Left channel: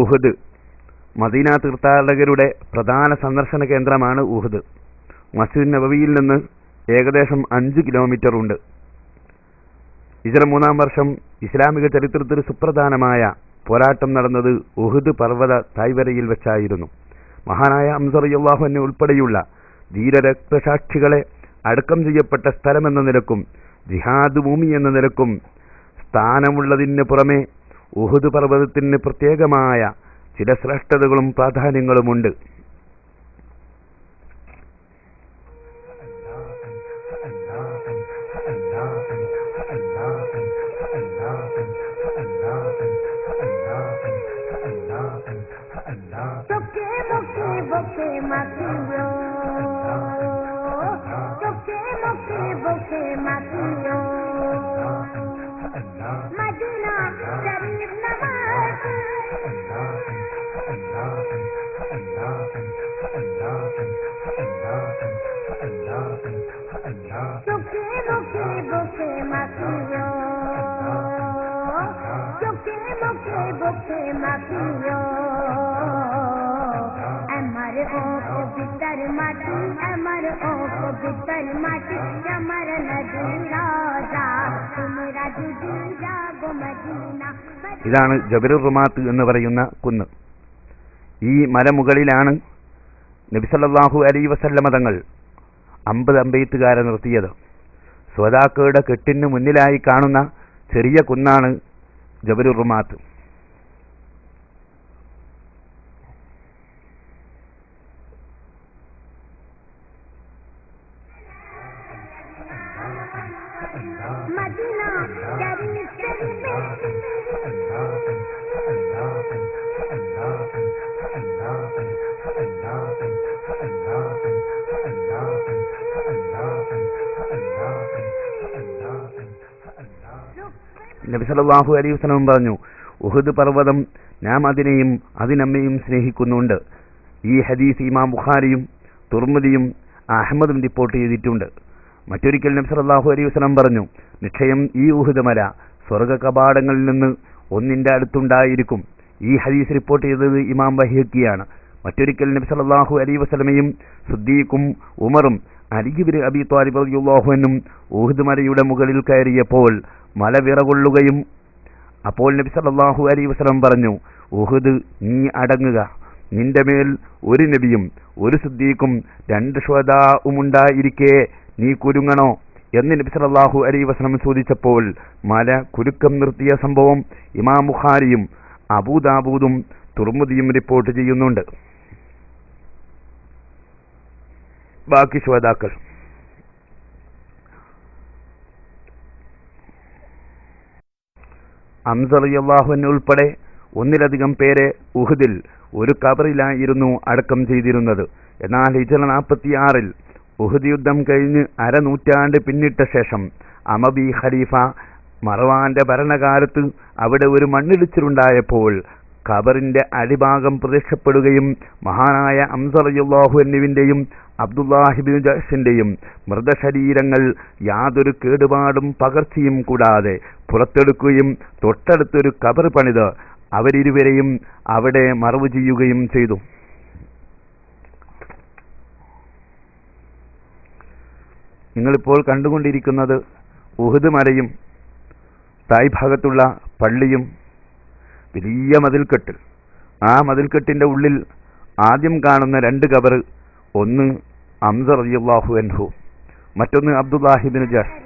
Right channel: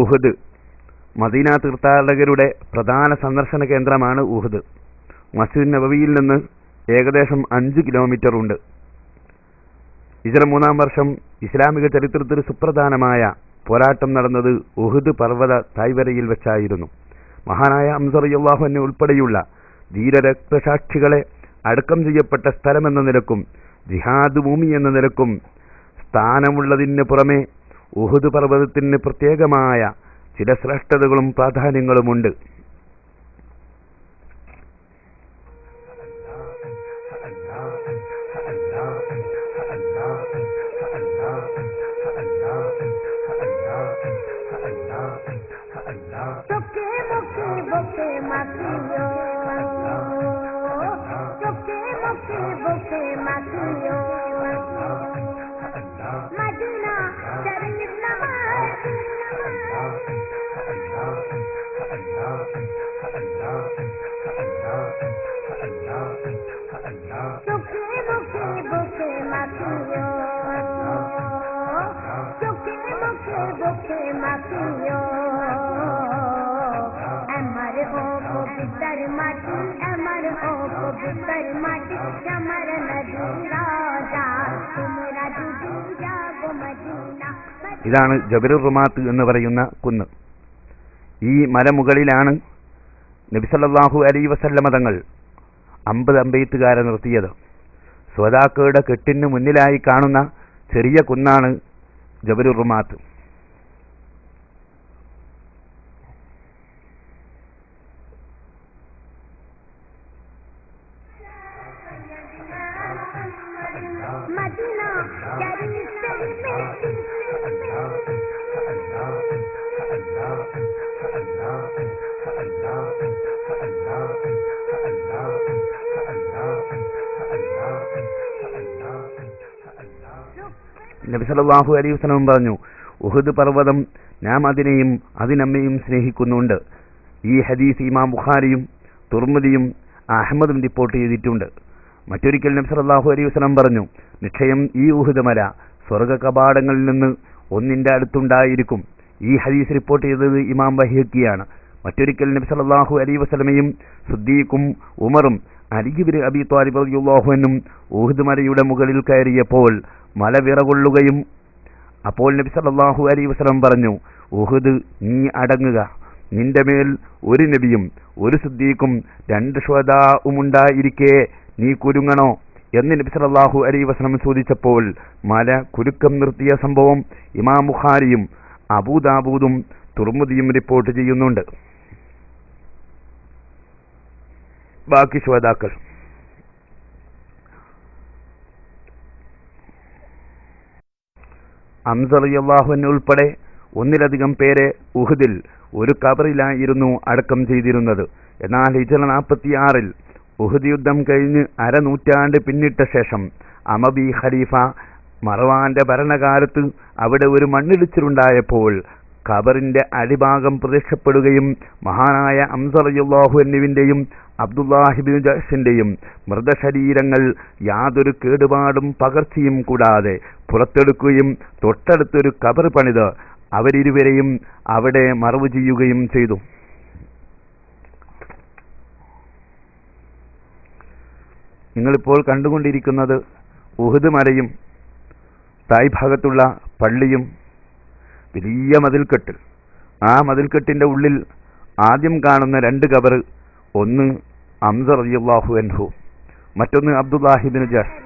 Uhud. Medina തീർത്ഥാടകരുടെ പ്രധാന സന്ദർശന കേന്ദ്രമാണ് ഉഹുദ്. മസ്ജിദ് നബവിയിൽ നിന്ന് ഏകദേശം 5 കിലോമീറ്റർ ഉണ്ട്. ഹിജ്റ 3-ാം വർഷം ഇസ്ലാമിക ചരിത്രത്തിൽ സുപ്രധാനമായ പോരാട്ടം നടന്നത് ഉഹുദ് പർവ്വത തായ്വരയിൽ വെച്ചായിരുന്നു. മഹാനായ ഹംസ റളിയല്ലാഹു അൻഹു ഉൾപ്പെടെയുള്ള ധീരരക്തസാക്ഷികളെ അടക്കം ചെയ്യപ്പെട്ട സ്ഥലമെന്ന നിലക്കും ജിഹാദ് ഭൂമി എന്ന നിലക്കും സ്ഥാനമുള്ളതിന് പുറമെ ഉഹുദ് പർവ്വതത്തിന് പ്രത്യേകമായ ചില ശ്രേഷ്ഠതകളും പ്രാധാന്യങ്ങളുമുണ്ട്. ഇതാണ് ജബലുർ റുമാത്ത് എന്ന് പറയുന്ന കുന്ന്. ഈ മലമുകളിലാണ് നബി സല്ലല്ലാഹു അലൈഹി വസല്ലമ തങ്ങൾ 50 അമ്പെയ്ത്തുകാരെ നിർത്തിയത്. സ്വദാക്കയുടെ കെട്ടിന് മുന്നിലായി കാണുന്ന ചെറിയ കുന്നാണ് ജബലുർ റുമാത്ത്. നബി സല്ലല്ലാഹു അലൈഹി വസല്ലം പറഞ്ഞു, ഉഹുദ് പർവ്വതം നാം അതിനെയും അതിനമ്മയും സ്നേഹിക്കുന്നുണ്ട്. ഈ ഹദീസ് ഇമാം ബുഖാരിയും തുർമുദിയും അഹ്മദും റിപ്പോർട്ട് ചെയ്തിട്ടുണ്ട്. മറ്റൊരിക്കൽ നബി സല്ലല്ലാഹു അലൈഹി വസല്ലം പറഞ്ഞു, നിശ്ചയം ഈ ഉഹുദ് മല സ്വർഗ്ഗ കവാടങ്ങളിൽ നിന്ന് ഒന്നിന്റെ അടുത്തുണ്ടായിരിക്കും. ഈ ഹദീസ് റിപ്പോർട്ട് ചെയ്തത് ഇമാം ബൈഹഖിയാണ്. മറ്റൊരിക്കൽ നബി സല്ലല്ലാഹു അലൈഹി വസല്ലമയും സിദ്ദീഖും ഉമറും അലി ഇബ്നു അബീ ത്വാലിബ് റളിയല്ലാഹു അൻഹും ഉഹുദ് മലയുടെ മുകളിൽ കയറിയപ്പോൾ മല വിറകൊള്ളുകയും അപ്പോൾ നബി സല്ലല്ലാഹു അലൈഹി വസല്ലം പറഞ്ഞു, ഉഹുദ് നീ അടങ്ങുക, നിന്റെ മേൽ ഒരു നബിയും ഒരു സിദ്ദീഖും 2 ശുഹദാഉം ഉണ്ടായിരിക്കെ നീ കുരുങ്ങണോ എന്ന് നബി സല്ലല്ലാഹു അലൈഹി വസല്ലം ചോദിച്ചപ്പോൾ മല കുലുക്കം നിർത്തിയ സംഭവം ഇമാം ബുഖാരിയും അബൂദാവൂദും തുർമുദിയും റിപ്പോർട്ട് ചെയ്യുന്നുണ്ട്. ബാക്കി ശുഹദാക്കൾ ഹംസ റളിയല്ലാഹു അൻഹു ഉൾപ്പെടെ 1-ലധികം പേരെ ഉഹുദിൽ ഒരു ഖബറിലായിരുന്നു അടക്കം ചെയ്തിരുന്നത്. എന്നാൽ ഹിജ്റ 46-ൽ ഉഹുദ് യുദ്ധം കഴിഞ്ഞ് അരനൂറ്റാണ്ട് പിന്നിട്ട ശേഷം അമബി ഖലീഫ മർവാന്റെ ഭരണകാലത്ത് അവിടെ ഒരു മണ്ണിടിച്ചിലുണ്ടായപ്പോൾ ഖബറിന്റെ അടിഭാഗം പ്രത്യക്ഷപ്പെടുകയും മഹാനായ ഹംസ റളിയല്ലാഹു അൻഹുവിന്റെയും അബ്ദുല്ലാഹി ഇബ്നു ജഹ്ഷിന്റെയും മൃതശരീരങ്ങൾ യാതൊരു കേടുപാടും പകർച്ചയും കൂടാതെ പുറത്തെടുക്കുകയും തൊട്ടടുത്തൊരു ഖബർ പണിത് അവരിരുവരെയും അവിടെ മറവ് ചെയ്യുകയും ചെയ്തു. നിങ്ങളിപ്പോൾ കണ്ടുകൊണ്ടിരിക്കുന്നത് ഉഹുദ് മലയും തായ് ഭാഗത്തുള്ള പള്ളിയും വലിയ മതിൽക്കെട്ട്. ആ മതിൽക്കെട്ടിന്റെ ഉള്ളിൽ ആദ്യം കാണുന്ന 2 ഖബർ, ഒന്ന് ഹംസ റളിയല്ലാഹു അൻഹു, മറ്റൊന്ന് അബ്ദുല്ലാഹി ഇബ്നു ജഹ്ഷ്.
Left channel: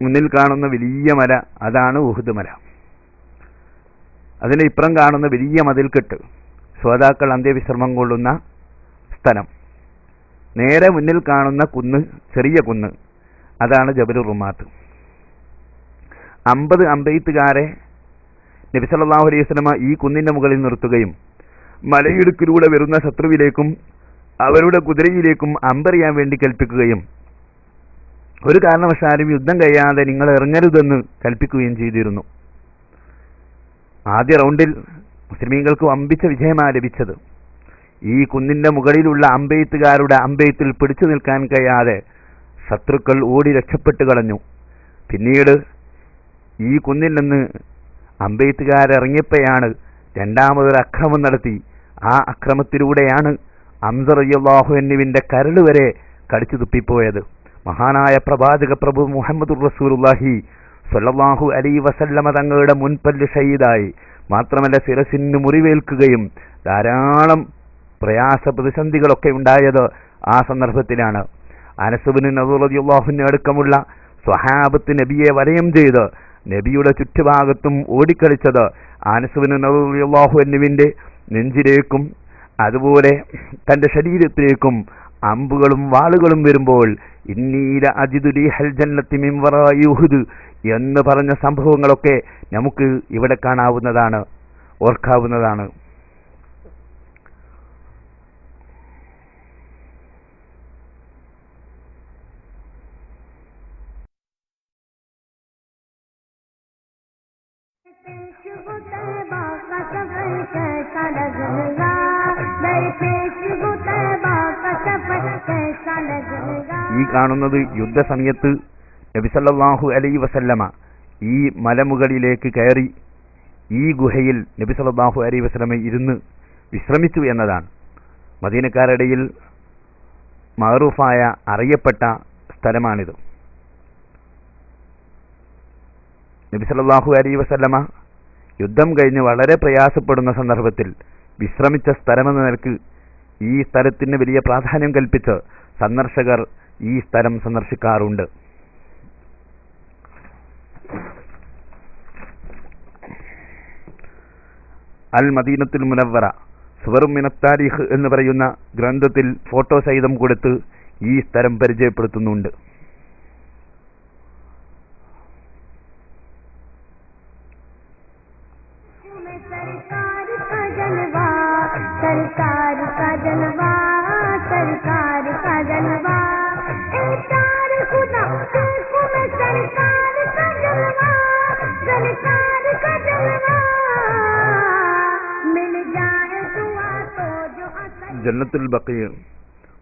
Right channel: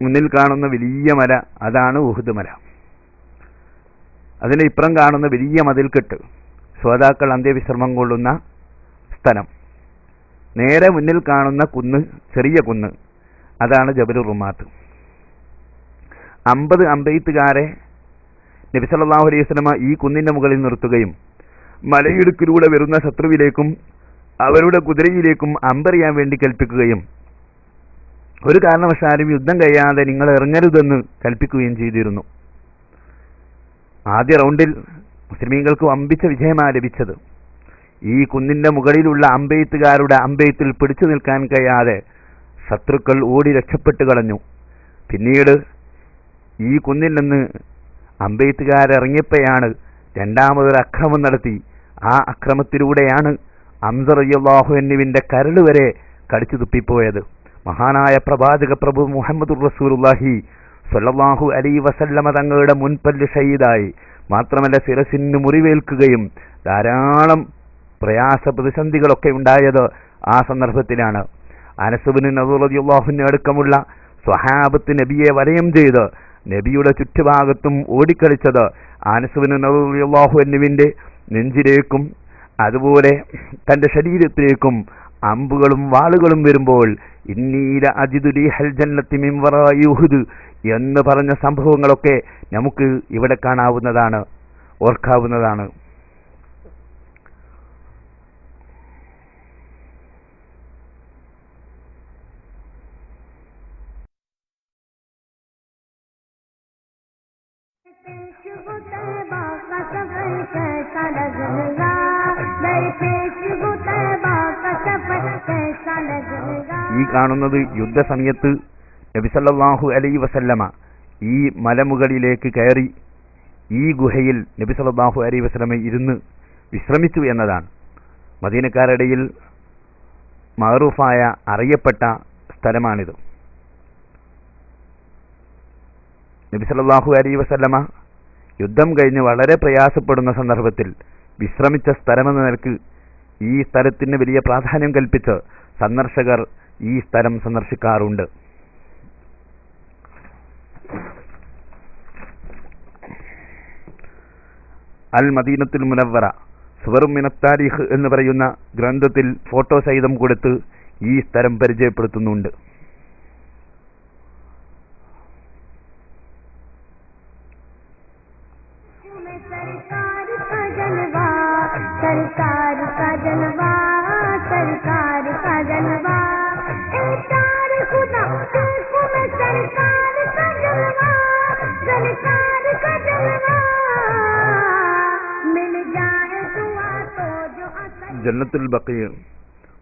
മുന്നിൽ കാണുന്ന വലിയ മല അതാണ് ഉഹുദ് മല. അതിന് ഇപ്പുറം കാണുന്ന വലിയ മതിൽക്കെട്ട് ശ്രോതാക്കൾ അന്ത്യവിശ്രമം കൊള്ളുന്ന സ്ഥലം. നേരെ മുന്നിൽ കാണുന്ന കുന്ന്, ചെറിയ കുന്ന്, അതാണ് ജബലുർ റുമാത്ത്. 50 അമ്പെയ്ത്തുകാരെ നബി സല്ലല്ലാഹു അലൈഹി വസല്ലമ ഈ കുന്നിന്റെ മുകളിൽ നിർത്തുകയും മലയിടുക്കിലൂടെ വരുന്ന ശത്രുവിലേക്കും അവരുടെ കുതിരയിലേക്കും അമ്പെറിയാൻ വേണ്ടി കൽപ്പിക്കുകയും ഒരു കാരണവശാലും യുദ്ധം കഴിയാതെ നിങ്ങൾ ഇറങ്ങരുതെന്ന് കൽപ്പിക്കുകയും ചെയ്തിരുന്നു. ആദ്യ റൗണ്ടിൽ മുസ്ലിമീങ്ങൾക്ക് വമ്പിച്ച വിജയമാണ് ലഭിച്ചത്. ഈ കുന്നിന്റെ മുകളിലുള്ള അമ്പെയ്ത്തുകാരുടെ അമ്പെയ്ത്തിൽ പിടിച്ചു നിൽക്കാൻ കഴിയാതെ ശത്രുക്കൾ ഓടി രക്ഷപ്പെട്ടു കളഞ്ഞു. പിന്നീട് ഈ കുന്നിൽ നിന്ന് അമ്പെയ്ത്തുകാരിറങ്ങിയപ്പോഴാണ് രണ്ടാമതൊരു അക്രമം നടത്തി. ആ അക്രമത്തിലൂടെയാണ് ഹംസ റളിയല്ലാഹു അൻഹുവിന്റെ കരട് വരെ കടിച്ചു തുപ്പിപ്പോയത്. മഹാനായ പ്രവാചക പ്രഭു മുഹമ്മദുർ റസൂലുള്ളാഹി സ്വല്ലല്ലാഹു അലൈഹി വസല്ലമ തങ്ങളുടെ മുൻപല്ല് ഷഹീദായി. മാത്രമല്ല ശിരസിന് മുറിവേൽക്കുകയും ധാരാളം പ്രയാസ പ്രതിസന്ധികളൊക്കെ ഉണ്ടായത് ആ സന്ദർഭത്തിലാണ്. അനസ് ഇബ്നു നദർ റളിയല്ലാഹു അൻഹു അടക്കമുള്ള സ്വഹാബത്ത് നബിയെ വലയം ചെയ്ത് നബിയുടെ ചുറ്റുഭാഗത്തും ഓടിക്കളിച്ചത് അനസ് ഇബ്നു നദർ റളിയല്ലാഹു അൻഹുവിന്റെ നെഞ്ചിലേക്കും അതുപോലെ തന്റെ ശരീരത്തിലേക്കും അമ്പുകളും വാളുകളും വരുമ്പോൾ ഇന്നീല അജിദു റീഹൽ ജന്നത്തി മിൻ വറാഇ ഉഹുദ് എന്ന് പറഞ്ഞ സംഭവങ്ങളൊക്കെ നമുക്ക് ഇവിടെ കാണാവുന്നതാണ്, ഓർക്കാവുന്നതാണ്. ഈ കാണുന്നത് യുദ്ധസമയത്ത് നബി സല്ലല്ലാഹു അലൈഹി വസല്ലമ ഈ മലമുകളിലേക്ക് കയറി ഈ ഗുഹയിൽ നബി സല്ലല്ലാഹു അലൈഹി വസല്ലമ ഇരുന്ന് വിശ്രമിച്ചു എന്നതാണ്. മദീനക്കാരുടെ ഇടയിൽ മഅറൂഫായ അറിയപ്പെട്ട സ്ഥലമാണിത്. നബി സല്ലല്ലാഹു അലൈഹി വസല്ലമ യുദ്ധം കഴിഞ്ഞ് വളരെ പ്രയാസപ്പെടുന്ന സന്ദർഭത്തിൽ വിശ്രമിച്ച സ്ഥലമെന്ന നിലക്ക് ഈ സ്ഥലത്തിന് വലിയ പ്രാധാന്യം കൽപ്പിച്ച് സന്ദർശകർ ഈ സ്ഥലം സന്ദർശിക്കാറുണ്ട്. അൽ മദീനത്തുൽ മുനവ്വറ സുവറും മിനത്ത് താരീഖ് എന്ന് പറയുന്ന ഗ്രന്ഥത്തിൽ ഫോട്ടോ സഹിതം കൊടുത്ത് ഈ സ്ഥലം പരിചയപ്പെടുത്തുന്നുണ്ട്. ജന്നത്തുൽ ബഖീ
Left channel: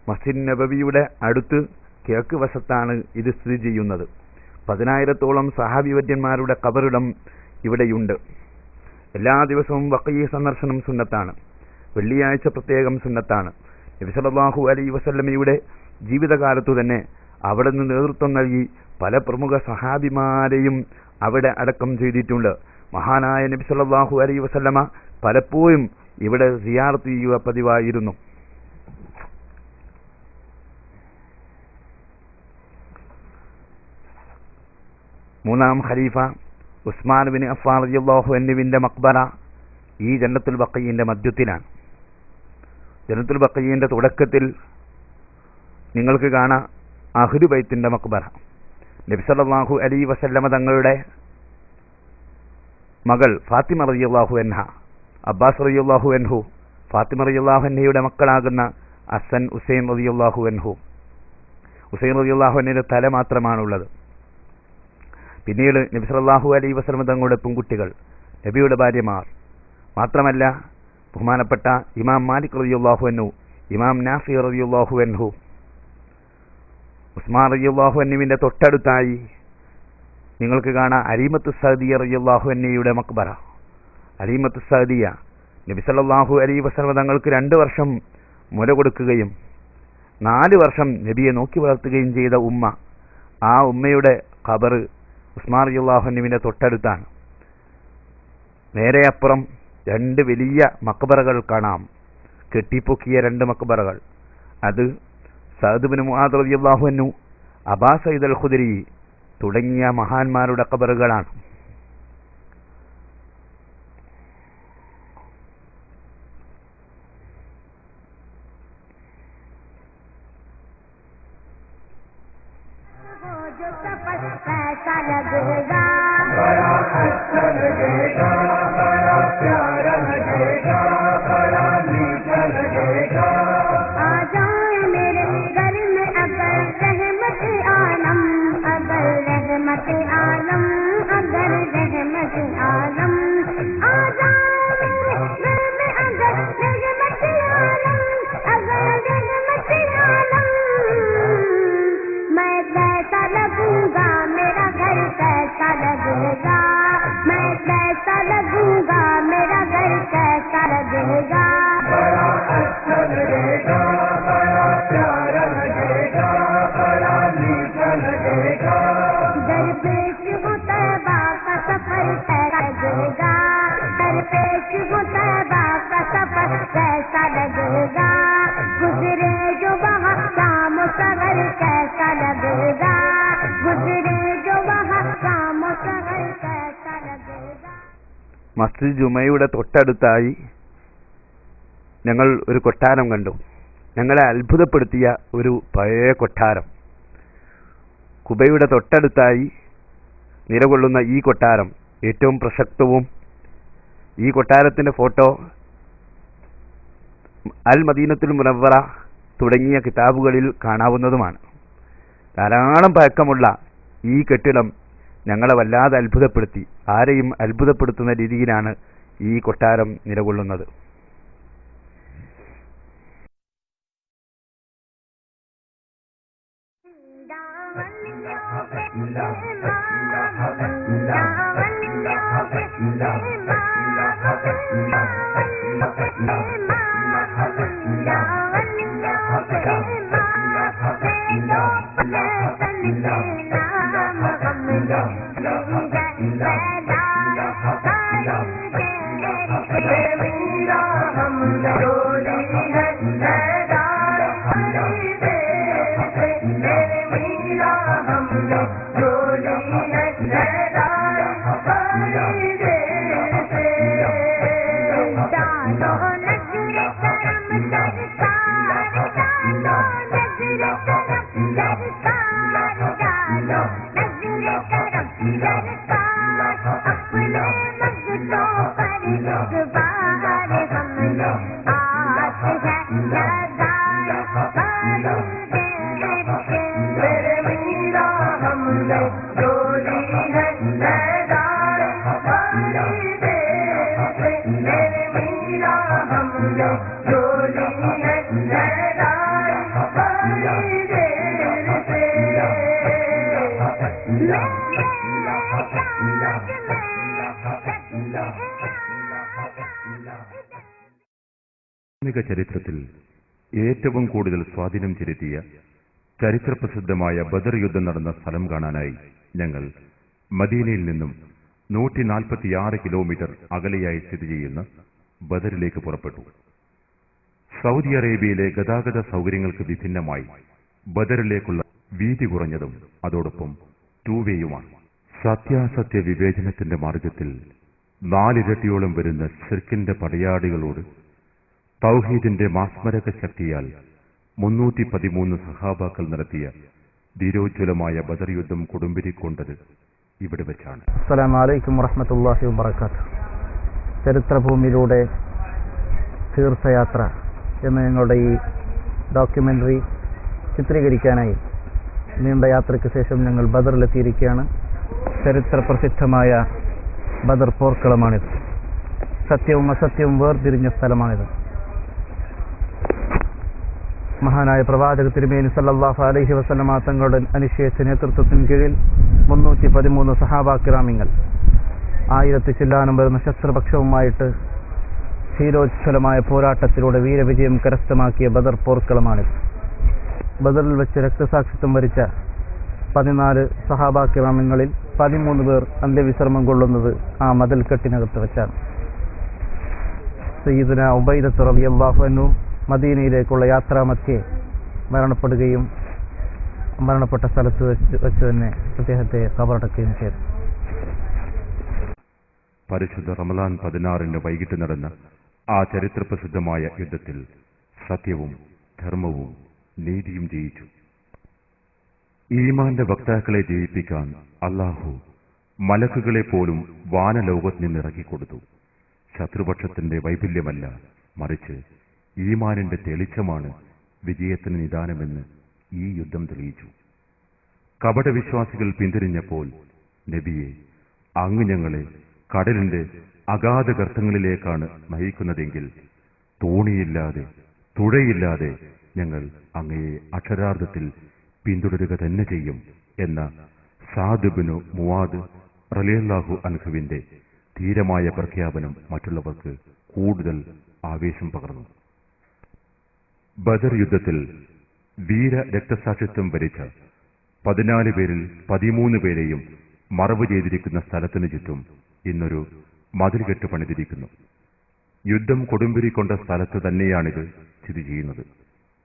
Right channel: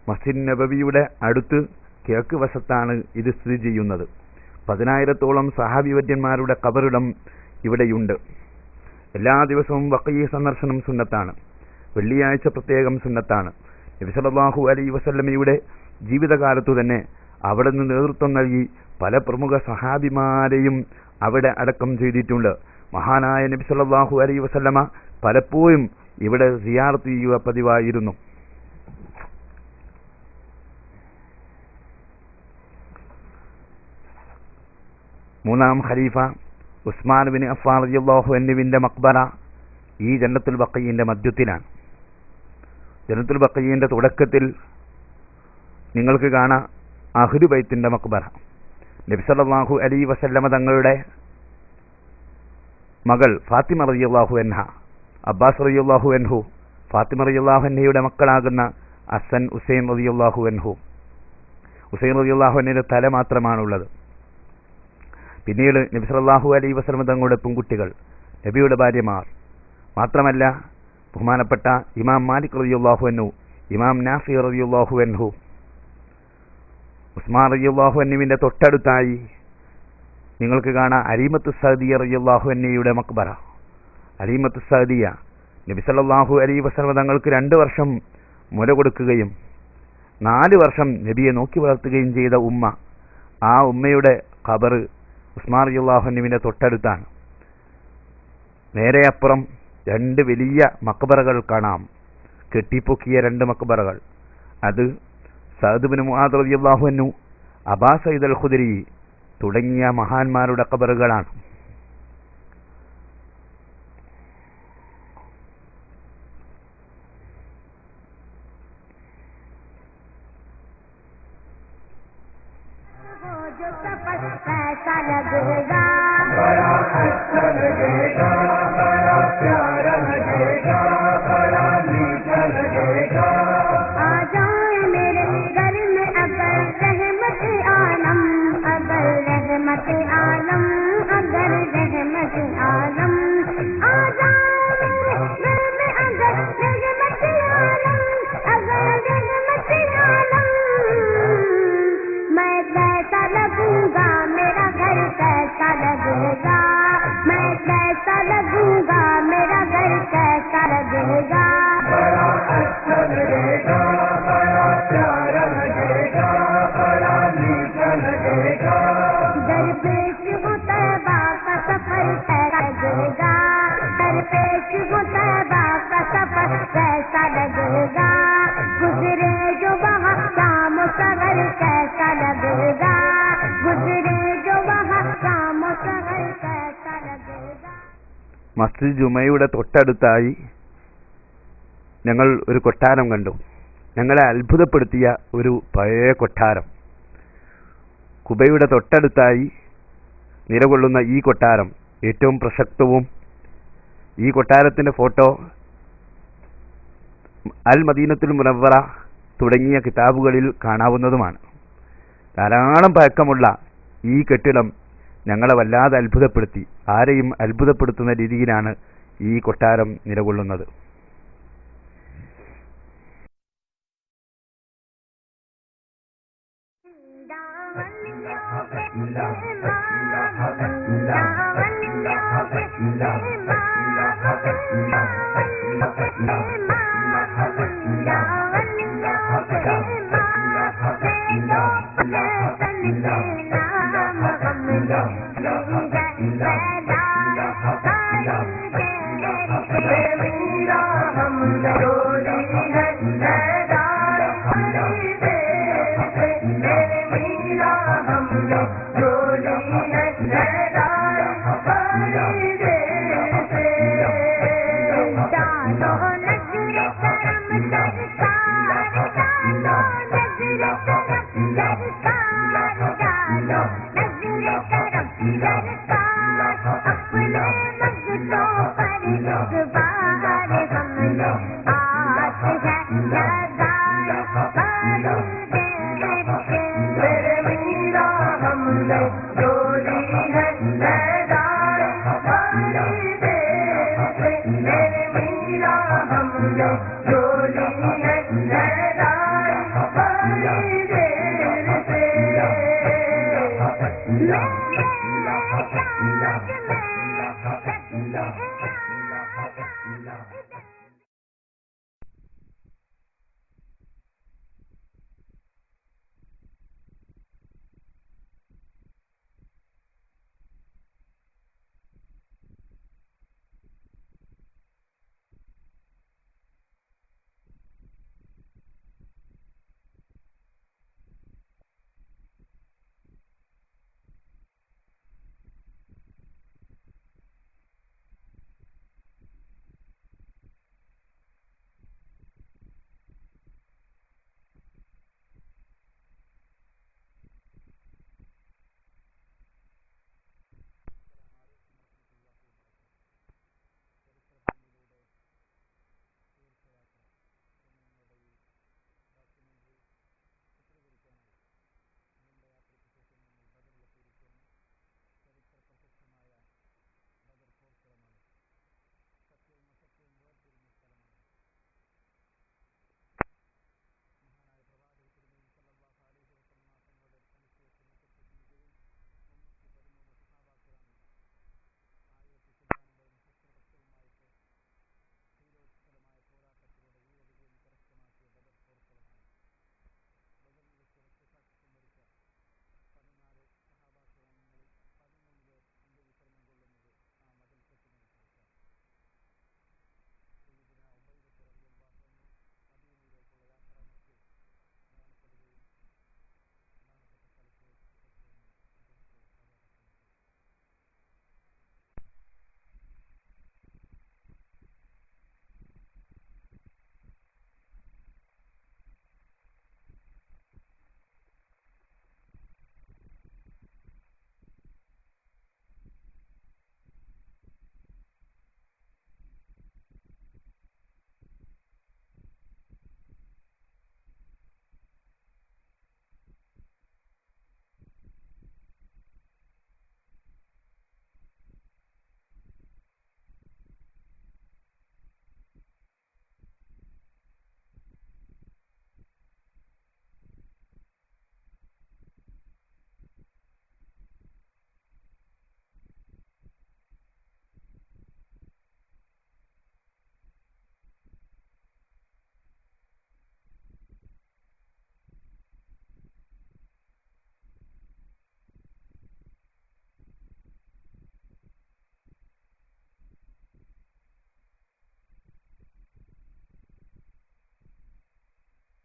മസ്ജിദ് നബവിയുടെ അടുത്ത് കിഴക്ക് വശത്താണ് ഇത് സ്ഥിതി ചെയ്യുന്നത്. 10,000-ഓളം സഹാബിവര്യന്മാരുടെ ഖബറിടം ഇവിടെയുണ്ട്. എല്ലാ ദിവസവും ബഖീ സന്ദർശനം സുന്നത്താണ്. വെള്ളിയാഴ്ച പ്രത്യേകം സുന്നത്താണ്. നബി സല്ലല്ലാഹു അലൈഹി വസല്ലമയുടെ ജീവിതകാലത്തു തന്നെ അവിടെ നിന്ന് നേതൃത്വം നൽകി പല പ്രമുഖ സഹാബിമാരെയും അവിടെ അടക്കം ചെയ്തിട്ടുണ്ട്. മഹാനായ നബി സല്ലല്ലാഹു അലൈഹി വസല്ലമ പലപ്പോഴും ഇവിടെ സിയാറത്ത് ചെയ്യുക പതിവായിരുന്നു. മൂന്നാം ഖലീഫ ഉസ്മാൻ ബിൻ അഫ്ഫാൻ റളിയല്ലാഹു അൻഹുവിന്റെ മഖ്ബറ ഈ ജന്നത്തുൽ ബഖീന്റെ മധ്യത്തിലാണ്. ജന്നത്തുൽ ബഖീന്റെ തുടക്കത്തിൽ നിങ്ങൾക്ക് കാണാം അഹ്ലു ബൈത്തിന്റെ മഖ്ബറ. നബി സല്ലല്ലാഹു അലൈഹി വസല്ലമ തങ്ങളുടെ മകൾ ഫാത്തിമ റളിയല്ലാഹു അൻഹ, അബ്ബാസ് റളിയല്ലാഹു അൻഹു, ഫാത്തിമ റളിയല്ലാഹു അൻഹയുടെ മക്കളാകുന്ന ഹസൻ ഹുസൈൻ റളിയല്ലാഹു അൻഹു. ഹുസൈൻ റളിയല്ലാഹു അൻഹുവിന്റെ തല മാത്രമാണുള്ളത്. പിന്നീട് നബി സല്ലല്ലാഹു അലൈഹി വസല്ലം തങ്ങളുടെ പെൺകുട്ടികൾ, നബിയുടെ ഭാര്യമാർ. മാത്രമല്ല ബഹുമാനപ്പെട്ട ഇമാം മാലിക് റളിയല്ലാഹു അൻഹു, ഇമാം നാഫി റളിയല്ലാഹു അൻഹു, ഉസ്മാൻ റളിയല്ലാഹു അൻഹുവിന്റെ തൊട്ടടുത്തായി നിങ്ങൾക്ക് കാണാം അലീമത്തു സഅദിയ റളിയല്ലാഹു അൻഹയുടെ മഖ്ബറ. അലീമത്തു സഅദിയ നബി സല്ലല്ലാഹു അലൈഹി വസല്ലം തങ്ങൾക്ക് 2 വർഷം മുല കൊടുക്കുകയും 4 വർഷം നബിയെ നോക്കി വളർത്തുകയും ചെയ്ത ഉമ്മ. ആ ഉമ്മയുടെ ഖബർ ഉസ്മാൻ റളിയല്ലാഹു അൻഹുവിന്റെ തൊട്ടടുത്താണ്. നേരെ അപ്പുറം 2 വലിയ മഖ്ബറകൾ കാണാം, കെട്ടിപ്പൊക്കിയ 2 മഖ്ബറകൾ. അത് സഅദ് ഇബ്നു മുആദ് റളിയല്ലാഹു അൻഹു, അബാ സഈദ് അൽ ഖുദരി തുടങ്ങിയ മഹാന്മാരുടെ ഖബറുകളാണ്. മസ്ജിദ് ജുമയുടെ തൊട്ടടുത്തായി ഞങ്ങൾ ഒരു കൊട്ടാരം കണ്ടു. ഞങ്ങളെ അത്ഭുതപ്പെടുത്തിയ ഒരു പഴയ കൊട്ടാരം. കുബയുടെ തൊട്ടടുത്തായി നിലകൊള്ളുന്ന ഈ കൊട്ടാരം ഏറ്റവും പ്രസക്തവും, ഈ കൊട്ടാരത്തിൻ്റെ ഫോട്ടോ അൽ മദീനത്തുൽ മുനവ്വറ തുടങ്ങിയ കിതാബുകളിൽ കാണാവുന്നതുമാണ്. ധാരാളം പഴക്കമുള്ള ഈ കെട്ടിടം ഞങ്ങളെ വല്ലാതെ അത്ഭുതപ്പെടുത്തി. ആരെയും അത്ഭുതപ്പെടുത്തുന്ന രീതിയിലാണ് ഈ കൊട്ടാരം നിലകൊള്ളുന്നത്. ഇസ്ലാമിക ചരിത്രത്തിൽ ഏറ്റവും കൂടുതൽ സ്വാധീനം ചെലുത്തിയ ചരിത്രപ്രസിദ്ധമായ ബദർ യുദ്ധം നടന്ന സ്ഥലം കാണാനായി ഞങ്ങൾ മദീനയിൽ നിന്നും 146 കിലോമീറ്റർ അകലെയായി സ്ഥിതി ചെയ്യുന്ന ബദറിലേക്ക് പുറപ്പെട്ടു. സൗദി അറേബ്യയിലെ ഗതാഗത സൗകര്യങ്ങൾക്ക് വിഭിന്നമായി ബദറിലേക്കുള്ള വീതി കുറഞ്ഞതും അതോടൊപ്പം ടൂവേയുമാണ്. സത്യാസത്യ വിവേചനത്തിന്റെ മാർഗത്തിൽ 4 ഇരട്ടിയോളം വരുന്ന ശിർക്കിന്റെ പടയാളികളോട് തൗഹീദിന്റെ മാസ്മരക ശക്തിയാൽ 313 സഹാബാക്കൾ നടത്തിയ ധീരോജ്വലമായ ബദർ യുദ്ധം കൊടുമ്പിരിക്കൊണ്ടത് ഇവിടെ വെച്ചാണ്. അസ്സലാമു അലൈക്കും വറഹ്മത്തുള്ളാഹി വബറകാതുഹു. ചരിത്രഭൂമിയിലൂടെ തീർത്ഥയാത്ര എന്ന ഞങ്ങളുടെ ഈ ഡോക്യുമെന്ററി ചിത്രീകരിക്കാനായി നീണ്ട യാത്രയ്ക്ക് ശേഷം ഞങ്ങൾ ബദറിലെത്തിയിരിക്കുകയാണ്. ചരിത്ര പ്രസിദ്ധമായ ബദർ പോർക്കളമാണിത്. സത്യവും അസത്യവും വേർതിരിഞ്ഞ സ്ഥലമാണിത്. മഹാനായ പ്രവാചക തിരുമേനി സല്ലല്ലാഹു അലൈഹി വസല്ലമ തങ്ങളുടെ അനിശ്ചയിച്ച നേതൃത്വത്തിന് കീഴിൽ 313 സഹാബാക്കിറാമിങ്ങൾ 1000 ചില്ലാനം വരുന്ന ശസ്ത്രപക്ഷവുമായിട്ട് ധീരോജ്വലമായ പോരാട്ടത്തിലൂടെ വീരവിജയം കരസ്ഥമാക്കിയ ബദർ പോർക്കളമാണിത്. ബദറിൽ വെച്ച് രക്തസാക്ഷിത്വം വരിച്ച 14 സഹാബാക്കിറാമിങ്ങളിൽ 13 പേർ അന്ത്യവിശ്രമം കൊള്ളുന്നത് ആ മതിൽക്കെട്ടിനകത്ത് വെച്ചാണ്. സയ്യിദുന ഉബൈദത്ത് റളിയല്ലാഹു അൻഹു മദീനയിലേക്കുള്ള യാത്രാമധ്യേ മരണപ്പെടുകയും മരണപ്പെട്ട സ്ഥലത്ത് വെച്ച് തന്നെ അദ്ദേഹത്തെ ഖബറടക്കുകയും ചെയ്തു. പരിശുദ്ധ റമളാൻ 16 വൈകിട്ട് നടന്ന ആ ചരിത്രപ്രസിദ്ധമായ യുദ്ധത്തിൽ സത്യവും ധർമ്മവും നീതിയും ജയിച്ചു. ഈമാന്റെ വക്താക്കളെ ജയിപ്പിക്കാൻ അല്ലാഹു മലക്കുകളെ പോലും വാനലോകത്ത് നിന്നിറക്കിക്കൊടുത്തു. ശത്രുപക്ഷത്തിന്റെ വൈഫല്യമല്ല, മറിച്ച് ഈമാനിന്റെ തെളിച്ചമാണ് വിജയത്തിന് നിദാനമെന്ന് ഈ യുദ്ധം തെളിയിച്ചു. കപടവിശ്വാസികൾ പിന്തിരിഞ്ഞപ്പോൾ നബിയെ, അങ്ങ് ഞങ്ങളെ കടലിന്റെ അഗാധ ഗർത്തങ്ങളിലേക്കാണ് നയിക്കുന്നതെങ്കിൽ തോണിയില്ലാതെ തുഴയില്ലാതെ ഞങ്ങൾ അങ്ങയെ അക്ഷരാർത്ഥത്തിൽ പിന്തുടരുക തന്നെ ചെയ്യും എന്ന സഅദ് ഇബ്നു മുആദ് റളിയല്ലാഹു അൻഹുവിന്റെ ധീരമായ പ്രഖ്യാപനം മറ്റുള്ളവർക്ക് കൂടുതൽ ആവേശം പകർന്നു. ബദർ യുദ്ധത്തിൽ വീര രക്തസാക്ഷിത്വം വരിച്ച 14 പേരിൽ 13 പേരെയും മറവ് ചെയ്തിരിക്കുന്ന സ്ഥലത്തിനു ചുറ്റും ഇന്നൊരു മതിൽകെട്ട് പണിതിരിക്കുന്നു. യുദ്ധം കൊടുമ്പിരിക്കൊണ്ട സ്ഥലത്ത് തന്നെയാണിത് സ്ഥിതി ചെയ്യുന്നത്.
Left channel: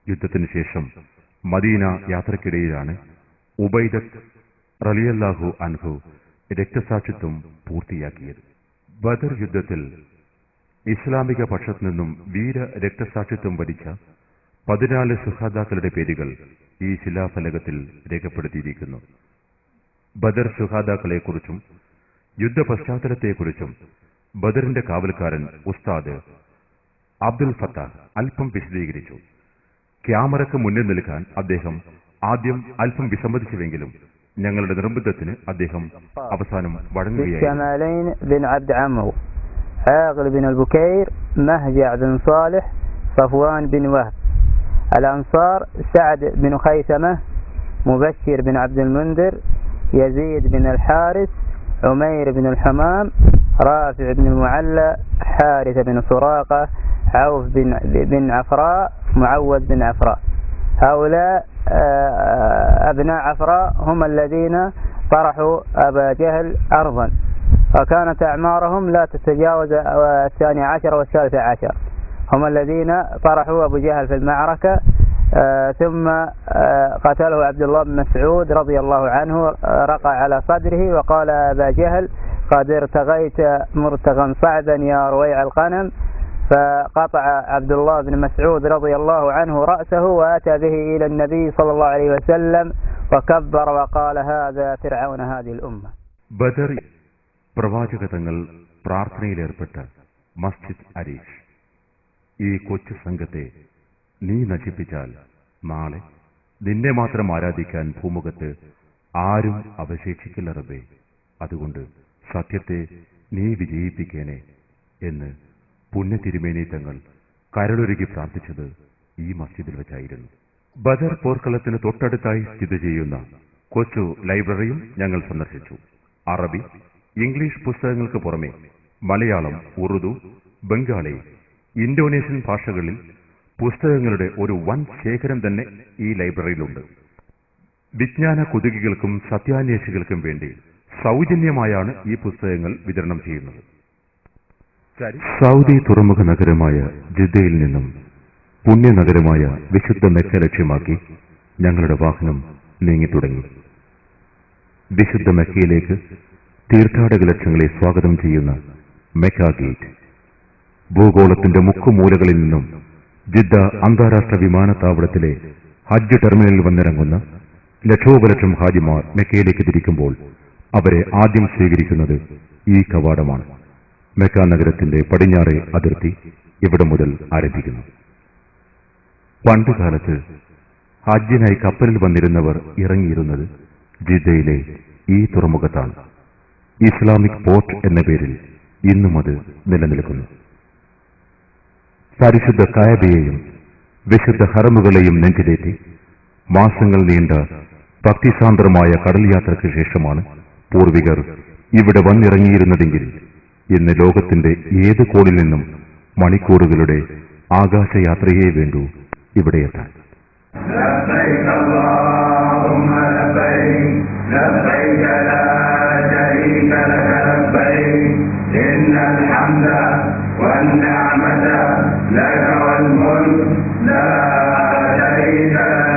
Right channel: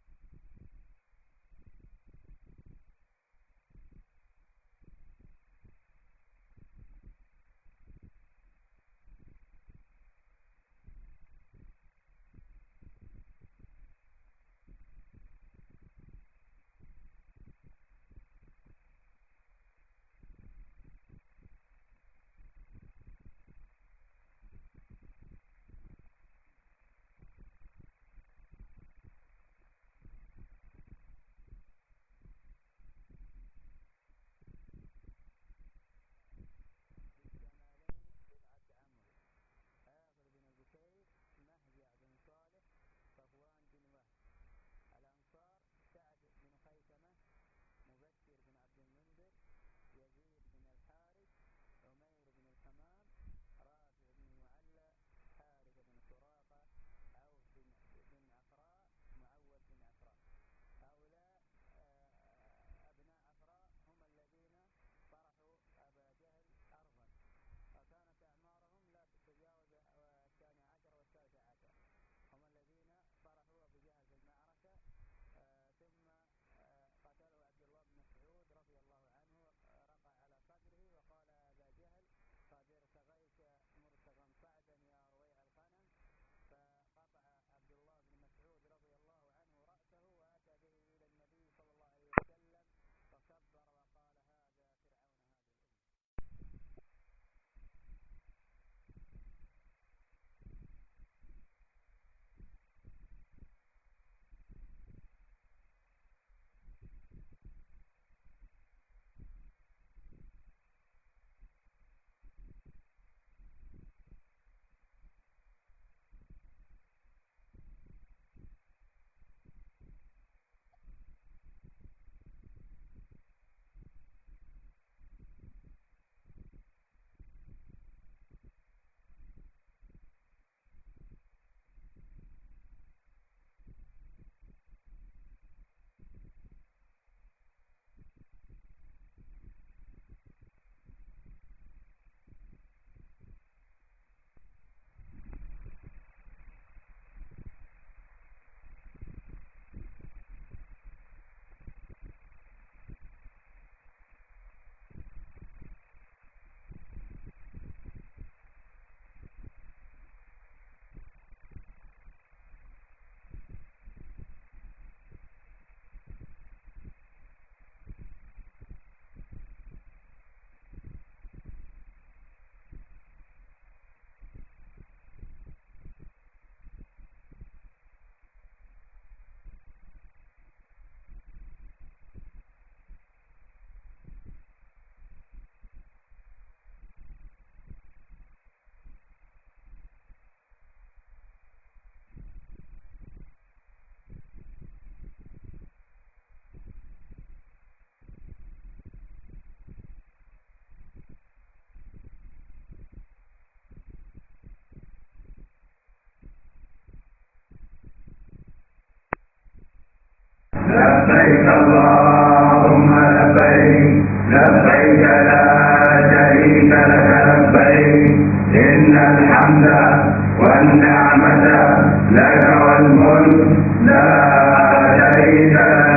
യുദ്ധത്തിനു ശേഷം മദീന യാത്രക്കിടയിലാണ് ഉബൈദത്ത് റളിയല്ലാഹു അൻഹു രക്തസാക്ഷിത്വം പൂർത്തിയാക്കിയത്. ബദർ യുദ്ധത്തിൽ ഇസ്ലാമിക പക്ഷത്തു നിന്നും വീര രക്തസാക്ഷിത്വം വരിച്ച 14 ശുഹാദാക്കളുടെ പേരുകൾ ഈ ശിലാഫലകത്തിൽ രേഖപ്പെടുത്തിയിരിക്കുന്നു. ബദർ ശുഹാദാക്കളെക്കുറിച്ചും യുദ്ധ പശ്ചാത്തലത്തെക്കുറിച്ചും ബദറിന്റെ കാവൽക്കാരൻ ഉസ്താദ് അബ്ദുൽ ഫത്താഹ് അല്പം വിശദീകരിച്ചു. ക്യാമറയ്ക്ക് മുന്നിൽ നിൽക്കാൻ അദ്ദേഹം ആദ്യം അല്പം വിസമ്മതിച്ചുവെങ്കിലും ഞങ്ങളുടെ നിർബന്ധത്തിന് അദ്ദേഹം അവസാനം വഴങ്ങുകയായിരുന്നു. عاقل بن البكير مهجع بن صالح صفوان بن وهب الأنصار سعد بن خيثمة مبشر بن عبد المنذر يزيد بن الحارث عمير بن الحمام رافع بن المعلى حارث بن سراقة عوف بن عفراء معوذ بن عفراء. هؤلاء أبناء عفراء هم الذين طرحوا أبا جهل أرضا، وكانت أعمارهم لا تتجاوز 12 و13. هم الذين طرحوا أبو جهل في المعركة، ثم قتله عبد الله بن مسعود رضي الله عنه، رقع على صدره وقال أبا جهل قد ارتغيت مرتغا صعبا يا رويع الغنم، فقطع عبد الله بن مسعود رضي الله عنه رأسه وأتى به إلى النبي صلى الله عليه وسلم وكبر وقال هذا فرعون هذه الأمة. ബദർ പ്രവാചക തങ്ങൾ പ്രാർത്ഥനയിലേർപ്പെട്ട മസ്ജിദ് അരീഷ്. ഈ കൊച്ചു സംഘത്തെ നീ നശിപ്പിച്ചാൽ നാളെ നിന്നെ മാത്രം ആരാധിക്കാൻ ഭൂമുഖത്ത് ആരും അവശേഷിക്കില്ല റബ്ബേ. അതുകൊണ്ട് സത്യത്തെ നീ വിജയിപ്പിക്കേനെ എന്ന് പുണ്യ തിരുമേനി തങ്ങൾ കരളൊരുക്കി പ്രാർത്ഥിച്ചത് ഈ മസ്ജിദിൽ വെച്ചായിരുന്നു. ബദർ പോർക്കളത്തിന് തൊട്ടടുത്തായി സ്ഥിതി ചെയ്യുന്ന കൊച്ചു ലൈബ്രറിയും ഞങ്ങൾ സന്ദർശിച്ചു. അറബി, ഇംഗ്ലീഷ് പുസ്തകങ്ങൾക്ക് പുറമെ മലയാളം, ഉറുദു, ബംഗാളി, ഇന്തോനേഷ്യൻ ഭാഷകളിൽ പുസ്തകങ്ങളുടെ ഒരു വൻ ശേഖരം തന്നെ ഈ ലൈബ്രറിയിലുണ്ട്. വിജ്ഞാന കുതുകികൾക്കും സത്യാന്വേഷികൾക്കും വേണ്ടി സൗജന്യമായാണ് ഈ പുസ്തകങ്ങൾ വിതരണം ചെയ്യുന്നത്. സൗദി തുറമുഖ നഗരമായ ജിദ്ദയിൽ നിന്നും പുണ്യനഗരമായ വിശുദ്ധ മെക്ക ലക്ഷ്യമാക്കി ഞങ്ങളുടെ വാഹനം നീങ്ങിത്തുടങ്ങി. വിശുദ്ധ മെക്കയിലേക്ക് തീർത്ഥാടക ലക്ഷങ്ങളെ സ്വാഗതം ചെയ്യുന്ന മെക്ക ഗേറ്റ്. ഭൂഗോളത്തിന്റെ മുക്കുമൂലകളിൽ നിന്നും ജിദ്ദ അന്താരാഷ്ട്ര വിമാനത്താവളത്തിലെ ഹജ്ജ് ടെർമിനലിൽ വന്നിറങ്ങുന്ന ലക്ഷോപലക്ഷം ഹാജിമാർ മെക്കയിലേക്ക് തിരിക്കുമ്പോൾ അവരെ ആദ്യം സ്വീകരിക്കുന്നത് ഈ കവാടമാണ്. മെക്ക നഗരത്തിന്റെ പടിഞ്ഞാറേ അതിർത്തി ഇവിടെ മുതൽ ആരംഭിക്കുന്നു. പണ്ടുകാലത്ത് ഹജ്ജിനായി കപ്പലിൽ വന്നിരുന്നവർ ഇറങ്ങിയിരുന്നത് ജിദ്ദയിലെ ഈ തുറമുഖത്താണ്. ഇസ്ലാമിക് പോർട്ട് എന്ന പേരിൽ ഇന്നും അത് നിലനിൽക്കുന്നു. പരിശുദ്ധ കഅബയെയും വിശുദ്ധ ഹറമുകളെയും നെഞ്ചിലേറ്റി മാസങ്ങൾ നീണ്ട ഭക്തിസാന്ദ്രമായ കടൽ യാത്രയ്ക്ക് ശേഷമാണ് പൂർവികർ ഇവിടെ വന്നിറങ്ങിയിരുന്നതെങ്കിൽ ഇന്ന് ലോകത്തിന്റെ ഏത് കോണിൽ നിന്നും മണിക്കൂറുകളുടെ ആകാശയാത്രയേ വേണ്ടൂ ഇവിടെ എത്താൻ. لبيك اللهم لبيك لبيك لا شريك لك لبيك إن الحمد والنعمة لك والملك لا شريك لك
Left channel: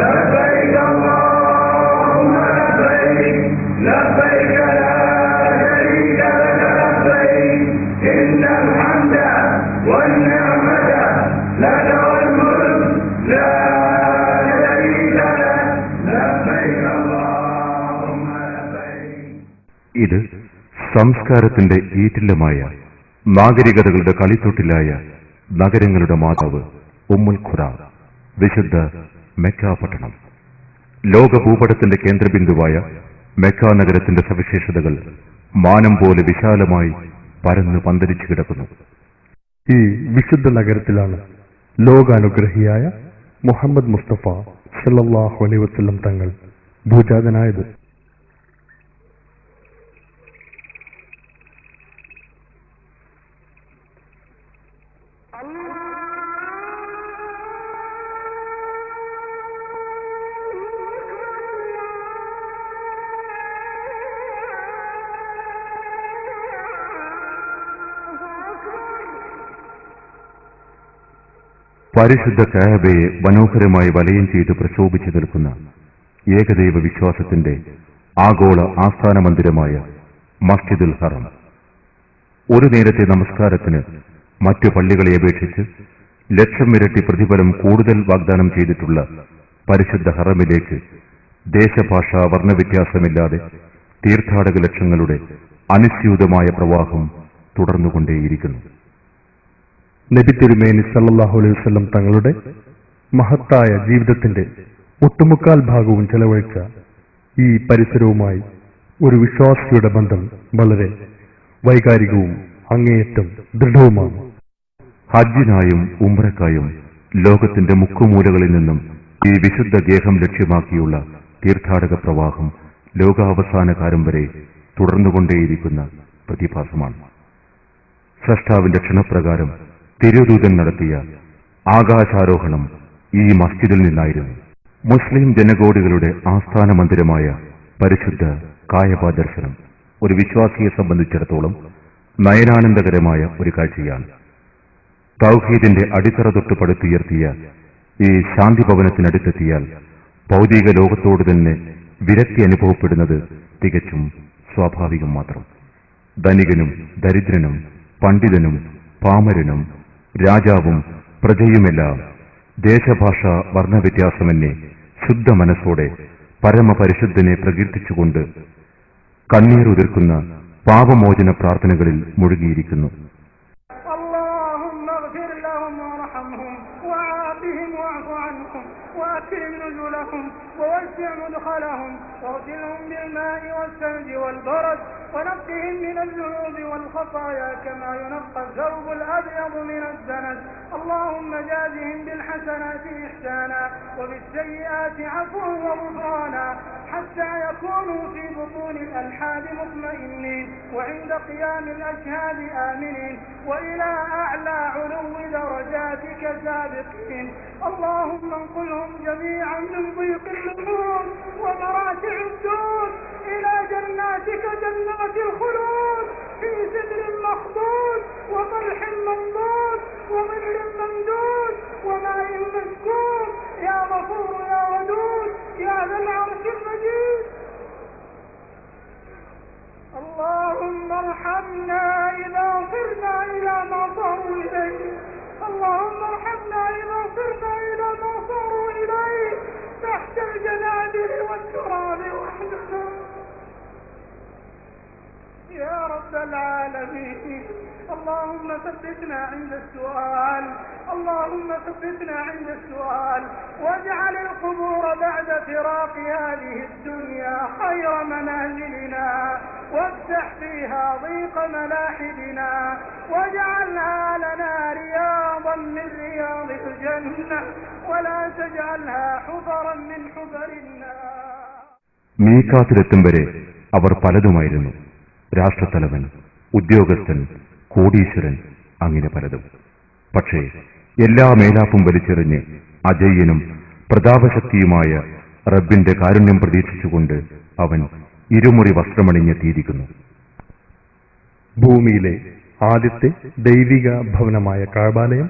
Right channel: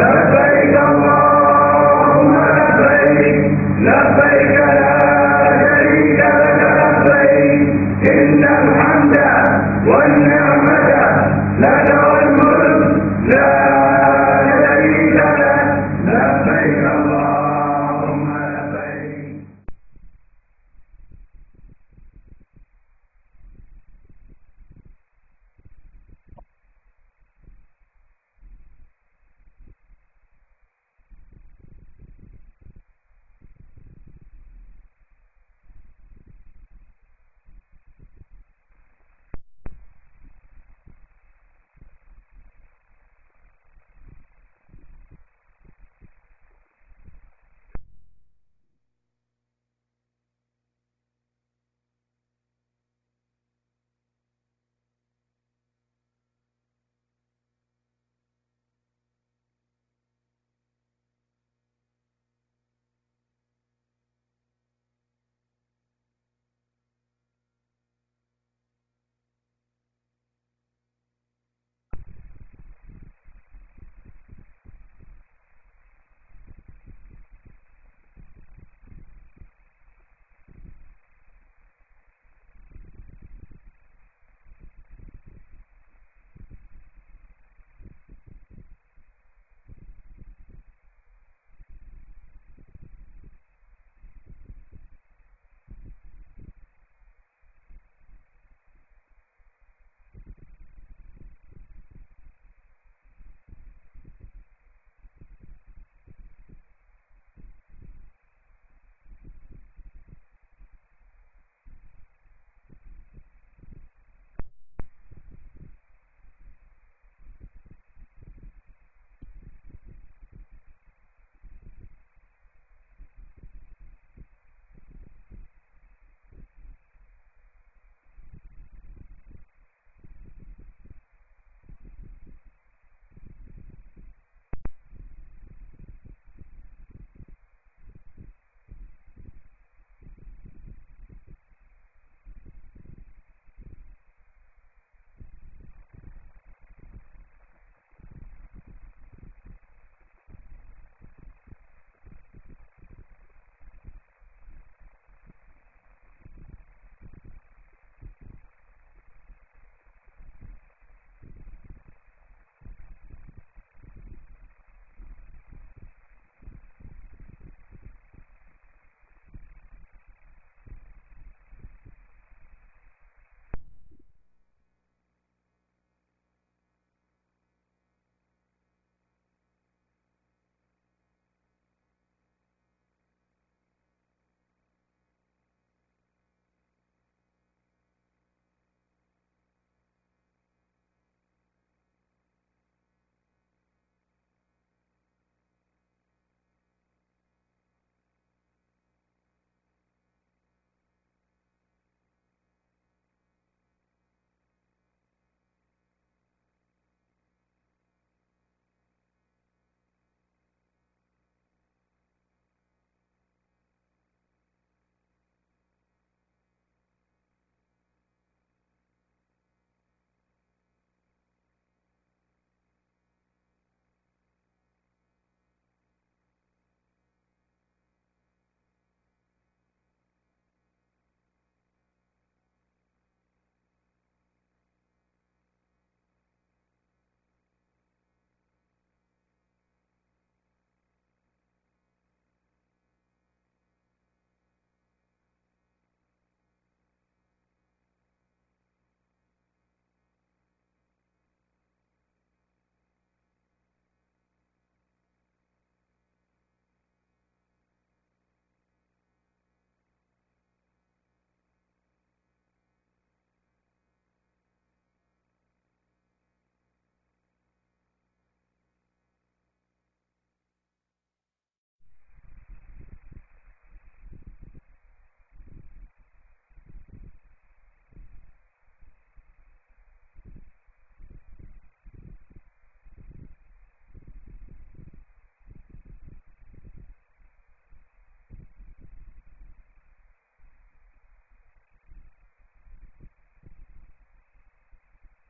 لبيك اللهم لبيك لبيك لا شريك لك لبيك إن الحمد والنعمة لك والملك لا ഇത് സംസ്കാരത്തിന്റെ ഈറ്റില്ലമായ നാഗരികതകളുടെ കളിത്തൊട്ടിലായ നഗരങ്ങളുടെ മാതാവ് ഉമ്മുൽ ഖുറ, വിശുദ്ധ മെക്ക പട്ടണം. ലോക ഭൂപടത്തിന്റെ കേന്ദ്രബിന്ദുവായ മെക്ക നഗരത്തിന്റെ സവിശേഷതകൾ മാനം പോലെ വിശാലമായി പരന്ന് പന്തലിച്ചു കിടക്കുന്നു. ഈ വിശുദ്ധ നഗരത്തിലാണ് ലോകാനുഗ്രഹിയായ മുഹമ്മദ് മുസ്തഫ സല്ലല്ലാഹു അലൈഹി വസല്ലം തങ്ങൾ ഭൂജാതനായത്. പരിശുദ്ധ കഅബയെ മനോഹരമായി വലയം ചെയ്ത് പ്രശോഭിച്ചു നിൽക്കുന്ന ഏകദൈവ വിശ്വാസത്തിന്റെ ആഗോള ആസ്ഥാന മന്ദിരമായ മസ്ജിദുൽ ഹറം. ഒരു നേരത്തെ നമസ്കാരത്തിന് മറ്റു പള്ളികളെ അപേക്ഷിച്ച് 1,00,000 ഇരട്ടി പ്രതിഫലം കൂടുതൽ വാഗ്ദാനം ചെയ്തിട്ടുള്ള പരിശുദ്ധ ഹറമിലേക്ക് ദേശഭാഷാ വർണ്ണവ്യത്യാസമില്ലാതെ തീർത്ഥാടക ലക്ഷങ്ങളുടെ അനുസ്യൂതമായ പ്രവാഹം തുടർന്നുകൊണ്ടേയിരിക്കുന്നു. നബി തിരുമേനി സല്ലല്ലാഹു അലൈഹി വസല്ലം തങ്ങളുടെ മഹത്തായ ജീവിതത്തിന്റെ ഒട്ടുമുക്കാൽ ഭാഗവും ചെലവഴിച്ച ഈ പരിസരവുമായി ഒരു വിശ്വാസിയുടെ ബന്ധം വളരെ വൈകാരികവും അങ്ങേയറ്റം ദൃഢവുമാണ്. ഹജ്ജിനായും ഉംറയ്ക്കായും ലോകത്തിന്റെ മുക്കുമൂലകളിൽ നിന്നും ഈ വിശുദ്ധ ഗേഹം ലക്ഷ്യമാക്കിയുള്ള തീർത്ഥാടക പ്രവാഹം ലോകാവസാന കാലം വരെ തുടർന്നുകൊണ്ടേയിരിക്കുന്ന പ്രതിഭാസമാണ്. സ്രഷ്ടാവിന്റെ ക്ഷണപ്രകാരം തിരുദൂതൻ നടത്തിയ ആകാശാരോഹണം ഈ മസ്ജിദിൽ നിന്നായിരുന്നു. മുസ്ലിം ജനകോടികളുടെ ആസ്ഥാന മന്ദിരമായ പരിശുദ്ധ കായബ ദർശനം ഒരു വിശ്വാസിയെ സംബന്ധിച്ചിടത്തോളം നയനാനന്ദകരമായ ഒരു കാഴ്ചയാണ്. തൗഹീദിന്റെ അടിത്തറ തൊട്ട് പടുത്തുയർത്തിയ ഈ ശാന്തി ഭവനത്തിനടുത്തെത്തിയാൽ ഭൗതിക ലോകത്തോട് തന്നെ വിരക്തി അനുഭവപ്പെടുന്നത് തികച്ചും സ്വാഭാവികം മാത്രം. ധനികനും ദരിദ്രനും പണ്ഡിതനും പാമരനും രാജാവും പ്രജയുമെല്ലാം ദേശഭാഷ വർണ്ണവ്യത്യാസമെന്നെ ശുദ്ധ മനസ്സോടെ പരമപരിശുദ്ധനെ പ്രകീർത്തിച്ചുകൊണ്ട് കണ്ണീരുതിർക്കുന്ന പാപമോചന പ്രാർത്ഥനകളിൽ മുഴുകിയിരിക്കുന്നു. ووسع مدخلهم واغسلهم بالماء والثلج والبرد ونقهم من الذنوب والخطايا كما ينقى الثوب الأبيض من الدنس. اللهم جازهم بالحسنات إحسانا وبالسيئات عفوا وغفرانا حتى يكونوا في بطون الألحاد مطمئنين وعند قيام الأشهاد آمنين وإلى أعلى علو درجاتك سابقين. اللهم انقلهم جميعا من ضيق النفوس ومراتع الدود إلى جناتك جنات الخلود في سدر مخضود وطلح منضود وظل ممدود وماء مسكوب يا غفور يا ودود يا ذا العرش المجيد. اللهم ارحمنا إذا صرنا إلى ما صاروا إليه. اللهم ارحمنا إذا صرنا إلى ما صاروا إليه تحت الجنادل والتراب وحدنا يا رب العالمين. اللهم ثبتنا عند السؤال. اللهم ثبتنا عند السؤال واجعل القبور بعد فراق هذه الدنيا خير منازلنا وافتح فيها ضيق ملاحدنا واجعلها لنا رياضا من رياض الجنة ولا تجعلها حفرا من حفر النار. മീഖാത്തിലെത്തും വരെ അവർ പലതുമായിരുന്നു. രാഷ്ട്രത്തലവൻ, ഉദ്യോഗസ്ഥൻ, കോടീശ്വരൻ, അങ്ങനെ പലതും. പക്ഷേ എല്ലാ മേലാപ്പും വലിച്ചെറിഞ്ഞ് അജയ്യനും പ്രതാപശക്തിയുമായ റബ്ബിന്റെ കാരുണ്യം പ്രതീക്ഷിച്ചുകൊണ്ട് അവൻ ഇരുമുറി വസ്ത്രമണിഞ്ഞെത്തിയിരിക്കുന്നു. ഭൂമിയിലെ ആദ്യത്തെ ദൈവിക ഭവനമായ കഅബാലയം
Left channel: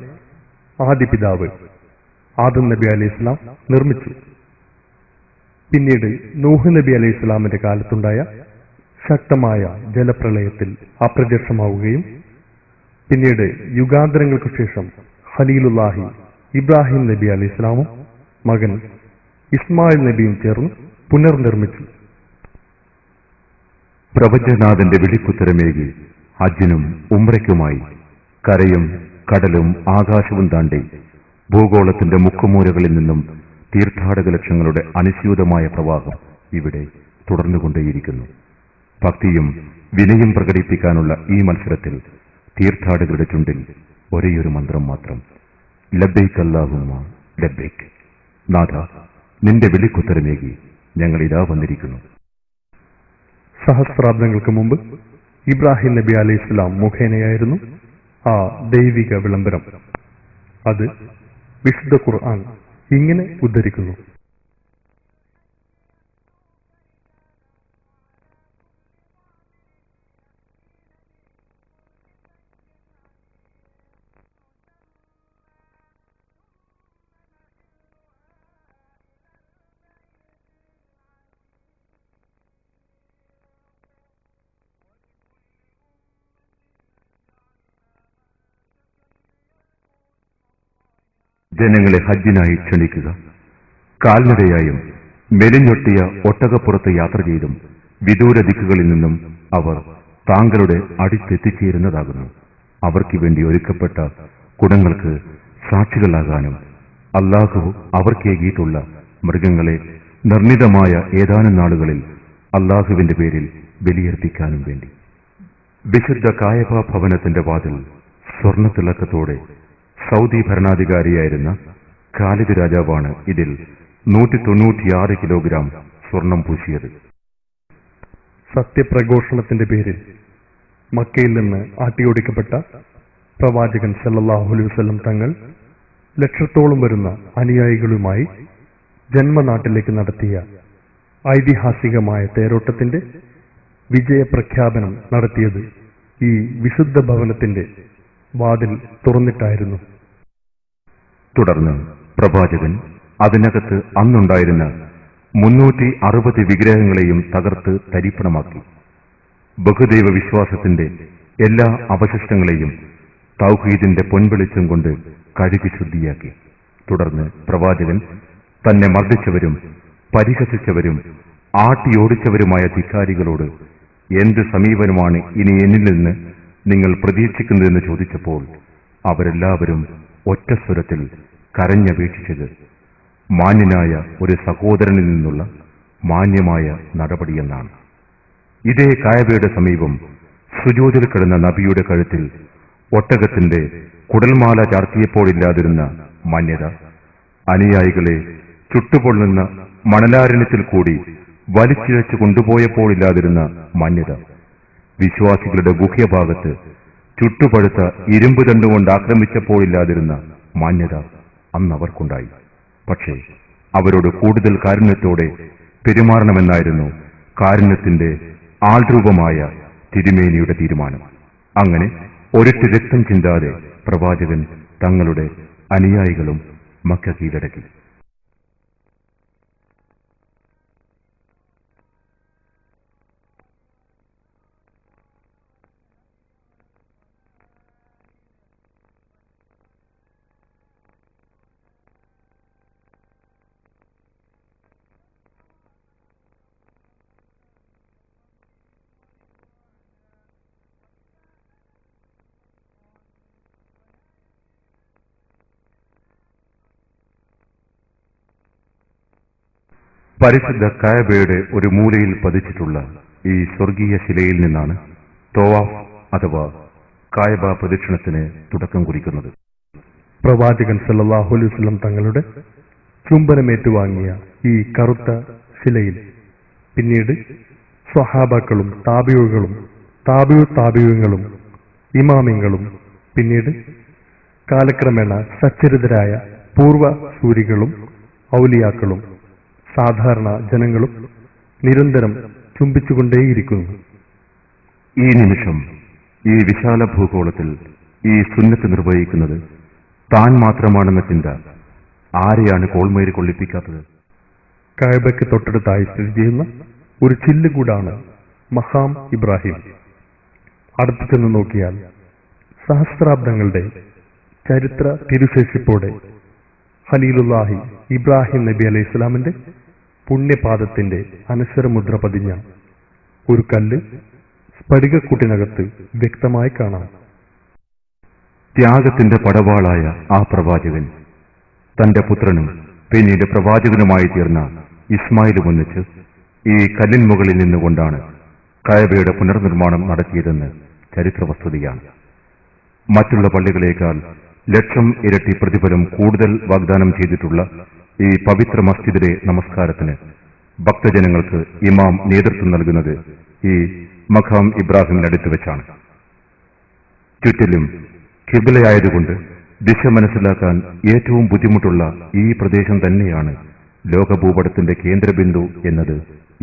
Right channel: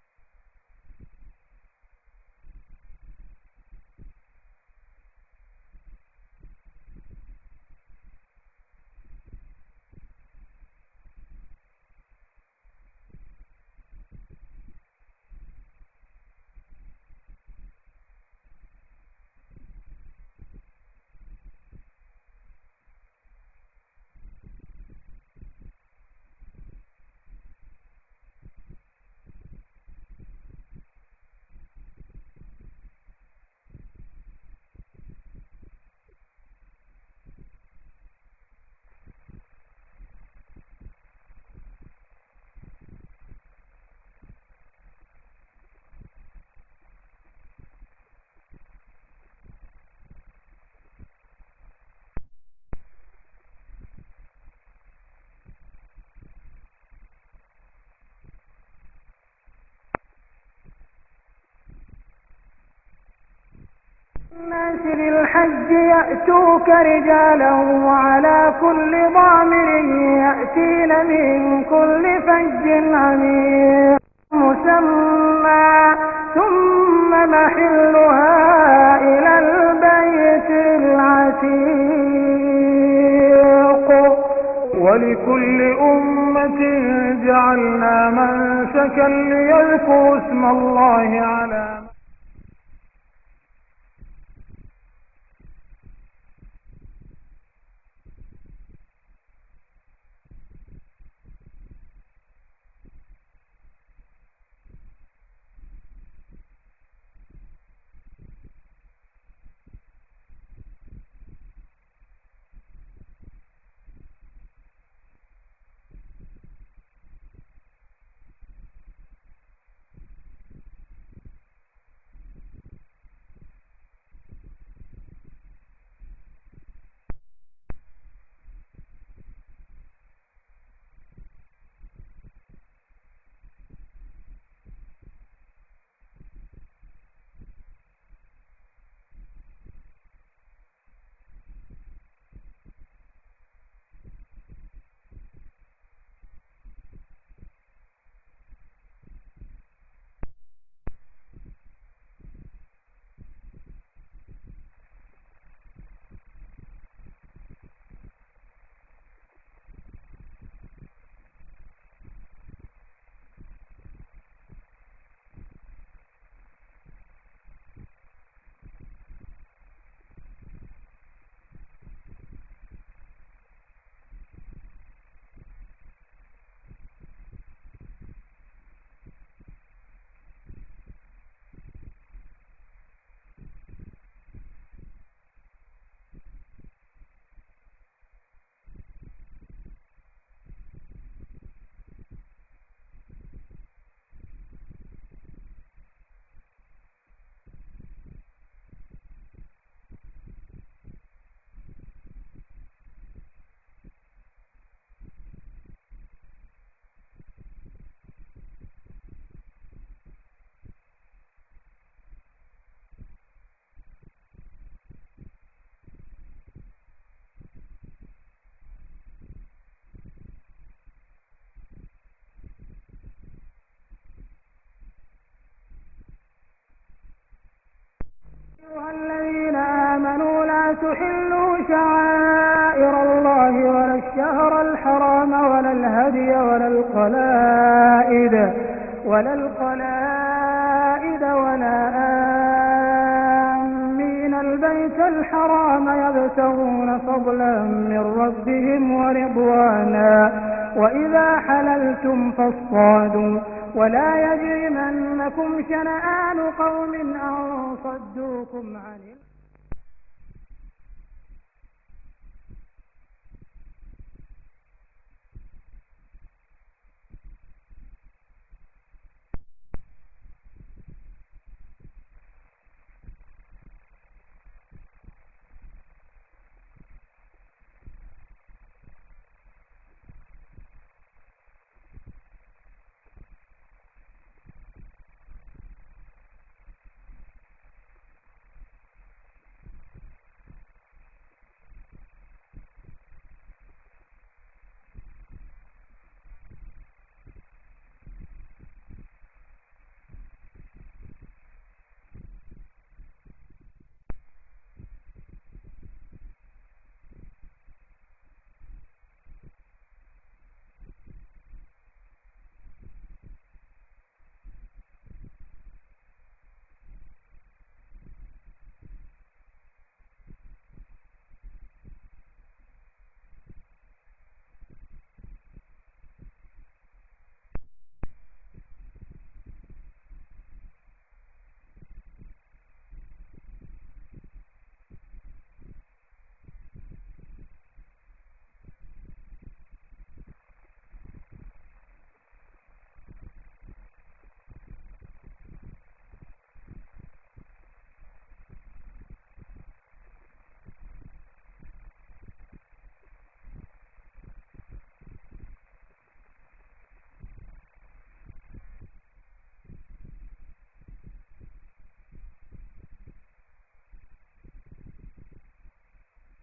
ആദിപിതാവ് ആദം നബി അലൈഹി ഇസ്ലാം നിർമ്മിച്ചു. പിന്നീട് നൂഹ് നബി അലൈഹി ഇസ്ലാമിന്റെ കാലത്തുണ്ടായ ശക്തമായ ജലപ്രളയത്തിൽ അപ്രത്യക്ഷമാവുകയും പിന്നീട് യുഗാന്തരങ്ങൾക്ക് ശേഷം ഖലീലുല്ലാഹി ഇബ്രാഹിം നബി അലൈഹി ഇസ്ലാമും മകൻ ഇസ്മായിൽ നബിയും ചേർന്ന് പുനർനിർമ്മിച്ചു. പ്രപഞ്ചനാഥന്റെ വിളിക്കുത്തരമേകി ഹജ്ജിനും ഉംറയ്ക്കുമായി കരയും കടലും ആകാശവും താണ്ടി ഭൂഗോളത്തിന്റെ മുക്കുമൂലകളിൽ നിന്നും തീർത്ഥാടക ലക്ഷങ്ങളുടെ അനുസ്യൂതമായ പ്രവാഹം ഇവിടെ തുടർന്നുകൊണ്ടേയിരിക്കുന്നു. ഭക്തിയും വിനയം പ്രകടിപ്പിക്കാനുള്ള ഈ മത്സരത്തിൽ തീർത്ഥാടകരുടെ ചുണ്ടിൽ ഒരേയൊരു മന്ത്രം മാത്രം, ലബ്ബൈക് അല്ലാഹുമ്മ ലബ്ബൈക്. നാഥ, നിന്റെ വിളിക്കുത്തരമേകി ഞങ്ങളിതാ വന്നിരിക്കുന്നു. സഹസ്രാബ്ദങ്ങൾക്ക് മുമ്പ് ഇബ്രാഹിം നബി അലൈഹി ഇസ്ലാം മുഖേനയായിരുന്നു ആ ദൈവിക വിളംബരം. അത് വിശുദ്ധ ഖുർആൻ ഇങ്ങനെ ഉദ്ധരിക്കുന്നു: الحج يأتوك رجالا وعلى كل ضامر يأتين من كل فج عميق مسمى ثم محلها إلى البيت العتيق ولكل أمة مناسكا ليذكروا اسم الله على ജനങ്ങളെ ഹജ്ജിനായി ക്ഷണിക്കുക. കാൽനടയായും മെലിഞ്ഞൊട്ടിയ ഒട്ടകപ്പുറത്ത് യാത്ര ചെയ്തും വിദൂര ദിക്കുകളിൽ നിന്നും അവർ താങ്കളുടെ അടുത്തെത്തിച്ചേരുന്നതാകുന്നു. അവർക്ക് വേണ്ടി ഒരുക്കപ്പെട്ട കുടങ്ങൾക്ക് സാക്ഷികളാകാനും അല്ലാഹു അവർക്കേകിയിട്ടുള്ള മൃഗങ്ങളെ നിർണിതമായ ഏതാനും നാളുകളിൽ അല്ലാഹുവിന്റെ പേരിൽ ബലിയർപ്പിക്കാനും വേണ്ടി. വിശുദ്ധ കായബ ഭവനത്തിന്റെ വാതിൽ സ്വർണ്ണത്തിളക്കത്തോടെ സൗദി ഭരണാധികാരിയായിരുന്ന ഖാലിദ് രാജാവാണ് ഇതിൽ 196 കിലോഗ്രാം സ്വർണം പൂശിയത്. സത്യപ്രഘോഷണത്തിന്റെ പേരിൽ മക്കയിൽ നിന്ന് ആട്ടിയോടിക്കപ്പെട്ട പ്രവാചകൻ സല്ലല്ലാഹു അലൈഹി വസല്ലം തങ്ങൾ ലക്ഷത്തോളം വരുന്ന അനുയായികളുമായി ജന്മനാട്ടിലേക്ക് നടത്തിയ ഐതിഹാസികമായ തേരോട്ടത്തിന്റെ വിജയപ്രഖ്യാപനം നടത്തിയത് ഈ വിശുദ്ധ ഭവനത്തിന്റെ വാതിൽ തുറന്നിട്ടായിരുന്നു. തുടർന്ന് പ്രവാചകൻ അതിനകത്ത് അന്നുണ്ടായിരുന്ന 360 വിഗ്രഹങ്ങളെയും തകർത്ത് തരിപ്പണമാക്കി. ബഹുദൈവ വിശ്വാസത്തിന്റെ എല്ലാ അവശിഷ്ടങ്ങളെയും തൗഹീദിന്റെ പൊൻവെളിച്ചം കൊണ്ട് കഴുകി ശുദ്ധിയാക്കി. തുടർന്ന് പ്രവാചകൻ തന്നെ മർദ്ദിച്ചവരും പരിഹസിച്ചവരും ആട്ടിയോടിച്ചവരുമായ ധിക്കാരികളോട് എന്ത് സമീപനമാണ് ഇനി എന്നിൽ നിന്ന് നിങ്ങൾ പ്രതീക്ഷിക്കുന്നതെന്ന് ചോദിച്ചപ്പോൾ അവരെല്ലാവരും ഒറ്റസ്വരത്തിൽ കരഞ്ഞപേക്ഷിച്ചത് മാന്യനായ ഒരു സഹോദരനിൽ നിന്നുള്ള മാന്യമായ നടപടിയെന്നാണ്. ഇതേ കായബയുടെ സമീപം സുജൂദിൽ കിടന്ന നബിയുടെ കഴുത്തിൽ ഒട്ടകത്തിന്റെ കുടൽമാല ചാർത്തിയപ്പോഴില്ലാതിരുന്ന മാന്യത, അനുയായികളെ ചുട്ടുപൊള്ളുന്ന മണലാരണ്യത്തിൽ കൂടി വലിച്ചിഴച്ചു കൊണ്ടുപോയപ്പോഴില്ലാതിരുന്ന മാന്യത, വിശ്വാസികളുടെ ഗുഹ്യഭാഗത്ത് ചുട്ടുപഴുത്ത ഇരുമ്പ് തണ്ടുകൊണ്ട് ആക്രമിച്ചപ്പോഴില്ലാതിരുന്ന മാന്യത അന്നവർക്കുണ്ടായി. പക്ഷേ അവരോട് കൂടുതൽ കാരുണ്യത്തോടെ പെരുമാറണമെന്നായിരുന്നു കാരുണ്യത്തിന്റെ ആൾരൂപമായ തിരുമേനിയുടെ തീരുമാനം. അങ്ങനെ ഒരിറ്റ് രക്തം ചിന്താതെ പ്രവാചകൻ തങ്ങളുടെ അനുയായികളും മക്ക കീഴടക്കി. تحلوا شعائر الله ولا الشهر الحرام ولا الهدي ولا القلائد ولا آمين البيت الحرام يبتغون فضلا من ربهم ورضوانا وإذا حللتم فاصطادوا ولا يجرمنكم شنآن قوم أن صدوكم عن പരിശുദ്ധ കായബയുടെ ഒരു മൂലയിൽ പതിച്ചിട്ടുള്ള ഈ സ്വർഗീയ ശിലയിൽ നിന്നാണ് തവാഫ് അഥവാ കായബ പ്രദക്ഷിണത്തിന് തുടക്കം കുറിക്കുന്നത്. പ്രവാചകൻ സല്ലല്ലാഹു അലൈഹി വസല്ലം തങ്ങളുടെ ചുംബനമേറ്റുവാങ്ങിയ ഈ കറുത്ത ശിലയിൽ പിന്നീട് സ്വഹാബാക്കളും താബിഉകളും താബിഉകളും ഇമാമിങ്ങളും പിന്നീട് കാലക്രമേണ സച്ചരിതരായ പൂർവ സൂരികളും ഔലിയാക്കളും സാധാരണ ജനങ്ങളും നിരന്തരം ചുംബിച്ചുകൊണ്ടേയിരിക്കുന്നു. ഈ നിമിഷം ഈ വിശാല ഭൂഗോളത്തിൽ ഈ സുന്നത്ത് നിർവഹിക്കുന്നത് താൻ മാത്രമാണെന്ന ചിന്ത ആരെയാണ് കോൾമേരി കൊള്ളിപ്പിക്കാത്തത്? കഅബയ്ക്ക് തൊട്ടടുത്തായി സ്ഥിതി ചെയ്യുന്ന ഒരു ചില്ലുകൂടാണ് മഖാം ഇബ്രാഹിം. അടുത്തു ചെന്ന് നോക്കിയാൽ സഹസ്രാബ്ദങ്ങളുടെ ചരിത്ര തിരുശേഷിപ്പോടെ ഖലീലുല്ലാഹി ഇബ്രാഹിം നബി അലൈഹി ഇസ്ലാമിന്റെ പുണ്യപാദത്തിന്റെ അനശ്വരമുദ്ര പതിഞ്ഞ ഒരു കല്ല് സ്ഫടികക്കൂട്ടിനകത്ത് വ്യക്തമായി കാണാം. ത്യാഗത്തിന്റെ പടവാളായ ആ പ്രവാചകൻ തന്റെ പുത്രനും പിന്നീട് പ്രവാചകനുമായി തീർന്ന ഇസ്മായിലും ഒന്നിച്ച് ഈ കല്ലിൻ മുകളിൽ നിന്നുകൊണ്ടാണ് കഅബയുടെ പുനർനിർമ്മാണം നടത്തിയതെന്ന് ചരിത്ര വസ്തുതയാണ്. മറ്റുള്ള പള്ളികളേക്കാൾ 1,00,000 ഇരട്ടി പ്രതിഫലം കൂടുതൽ വാഗ്ദാനം ചെയ്തിട്ടുള്ള ഈ പവിത്ര മസ്ജിദിലെ നമസ്കാരത്തിന് ഭക്തജനങ്ങൾക്ക് ഇമാം നേതൃത്വം നൽകുന്നത് ഈ മഖാം ഇബ്രാഹിമിനടുത്ത് വെച്ചാണ്. ചുറ്റിലും ഖിബ്ലയായതുകൊണ്ട് ദിശ മനസ്സിലാക്കാൻ ഏറ്റവും ബുദ്ധിമുട്ടുള്ള ഈ പ്രദേശം തന്നെയാണ് ലോകഭൂപടത്തിന്റെ കേന്ദ്രബിന്ദു എന്നത്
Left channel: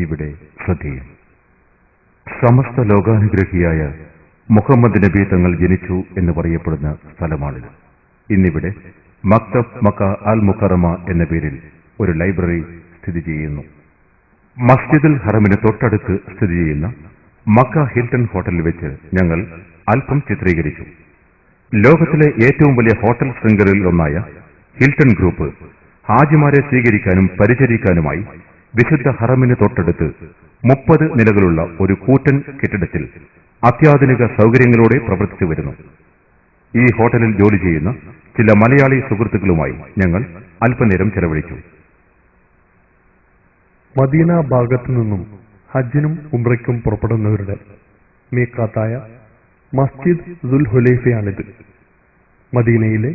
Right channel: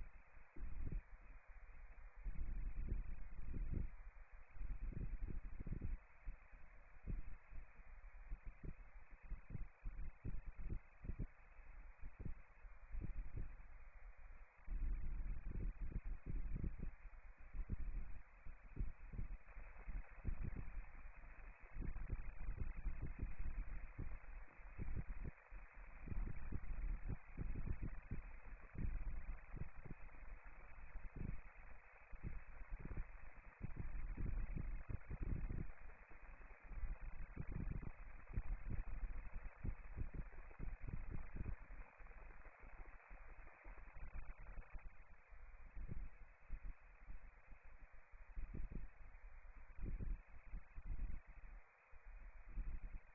ഇവിടെ ശ്രദ്ധേയം. സമസ്ത ലോകാനുഗ്രഹിയായ മുഹമ്മദ് നബി തങ്ങൾ ജനിച്ചു എന്ന് പറയപ്പെടുന്ന സ്ഥലമാണിത്. ഇന്നിവിടെ മക്തബ് മക്ക അൽ മുക്കറമ എന്ന പേരിൽ ഒരു ലൈബ്രറി സ്ഥിതി ചെയ്യുന്നു. മസ്ജിദുൽ ഹറമിന് തൊട്ടടുത്ത് സ്ഥിതി ചെയ്യുന്ന മക്ക ഹിൽട്ടൺ ഹോട്ടലിൽ വെച്ച് ഞങ്ങൾ അല്പം ചിത്രീകരിച്ചു. ലോകത്തിലെ ഏറ്റവും വലിയ ഹോട്ടൽ ശൃംഖലയിൽ ഒന്നായ ഹിൽട്ടൺ ഗ്രൂപ്പ് ഹാജിമാരെ സ്വീകരിക്കാനും പരിചരിക്കാനുമായി വിശുദ്ധ ഹറമിന് തൊട്ടടുത്ത് 30 നിലകളുള്ള ഒരു കൂറ്റൻ കെട്ടിടത്തിൽ അത്യാധുനിക സൗകര്യങ്ങളോടെ പ്രവർത്തിച്ചു വരുന്നു. ഈ ഹോട്ടലിൽ ജോലി ചെയ്യുന്ന ചില മലയാളി സുഹൃത്തുക്കളുമായി ഞങ്ങൾ അല്പനേരം ചെലവഴിച്ചു. മദീന ഭാഗത്തു നിന്നും ഹജ്ജിനും ഉംറയ്ക്കും പുറപ്പെടുന്നവരുടെ മീഖാത്തായ മസ്ജിദ് ദുൽ ഹുലൈഫയാണിത്. മദീനയിലെ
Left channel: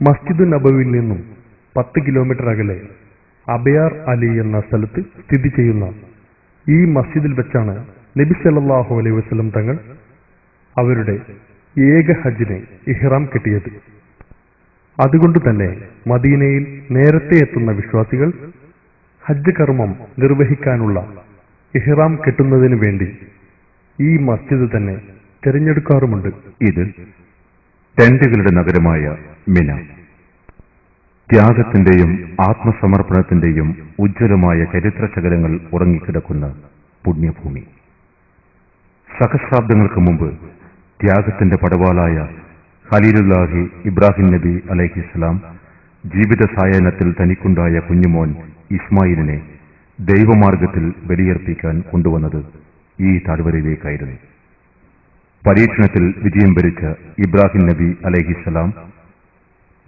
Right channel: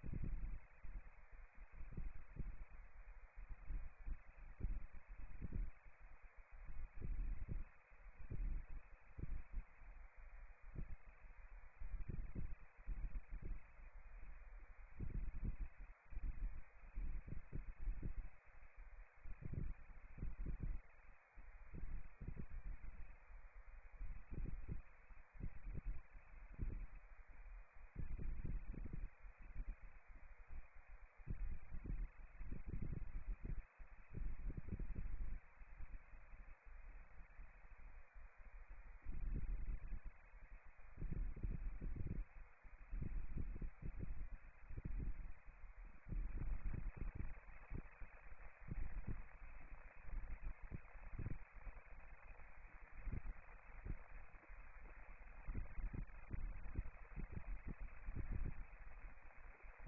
മസ്ജിദ് നബവിയിൽ നിന്നും 10 കിലോമീറ്റർ അകലെ അബയാർ അലി എന്ന സ്ഥലത്ത് സ്ഥിതി ചെയ്യുന്ന ഈ മസ്ജിദിൽ വെച്ചാണ് നബി സല്ലല്ലാഹു അലൈഹി വസല്ലം തങ്ങൾ അവരുടെ ഏക ഹജ്ജിനെ ഇഹ്റാം കെട്ടിയത്. അതുകൊണ്ട് തന്നെ മദീനയിൽ നേരത്തെ എത്തുന്ന വിശ്വാസികൾ ഹജ്ജ് കർമ്മം നിർവഹിക്കാനുള്ള ഇഹ്റാം കെട്ടുന്നതിനു വേണ്ടി ഈ മസ്ജിദ് തന്നെ തിരഞ്ഞെടുക്കാറുമുണ്ട്. ഇത് ടെന്റുകളുടെ നഗരമായ മിന, ത്യാഗത്തിന്റെയും ആത്മസമർപ്പണത്തിന്റെയും ഉജ്ജ്വലമായ ചരിത്ര ശകലങ്ങൾ ഉറങ്ങിക്കിടക്കുന്ന പുണ്യഭൂമി. സഹസ്രാബ്ദങ്ങൾക്ക് മുമ്പ് ത്യാഗത്തിന്റെ പടവാളായ ഖലീലുല്ലാഹി ഇബ്രാഹിം നബി അലൈഹിസ്സലാം ജീവിത സായാഹ്നത്തിൽ തനിക്കുണ്ടായ കുഞ്ഞുമോൻ ഇസ്മായിലിനെ ദൈവമാർഗത്തിൽ ബലിയർപ്പിക്കാൻ കൊണ്ടുവന്നത് ഈ താഴ്വരയിലേക്കായിരുന്നു. പരീക്ഷണത്തിൽ വിജയം വരിച്ച ഇബ്രാഹിം നബി അലൈഹിസ്സലാം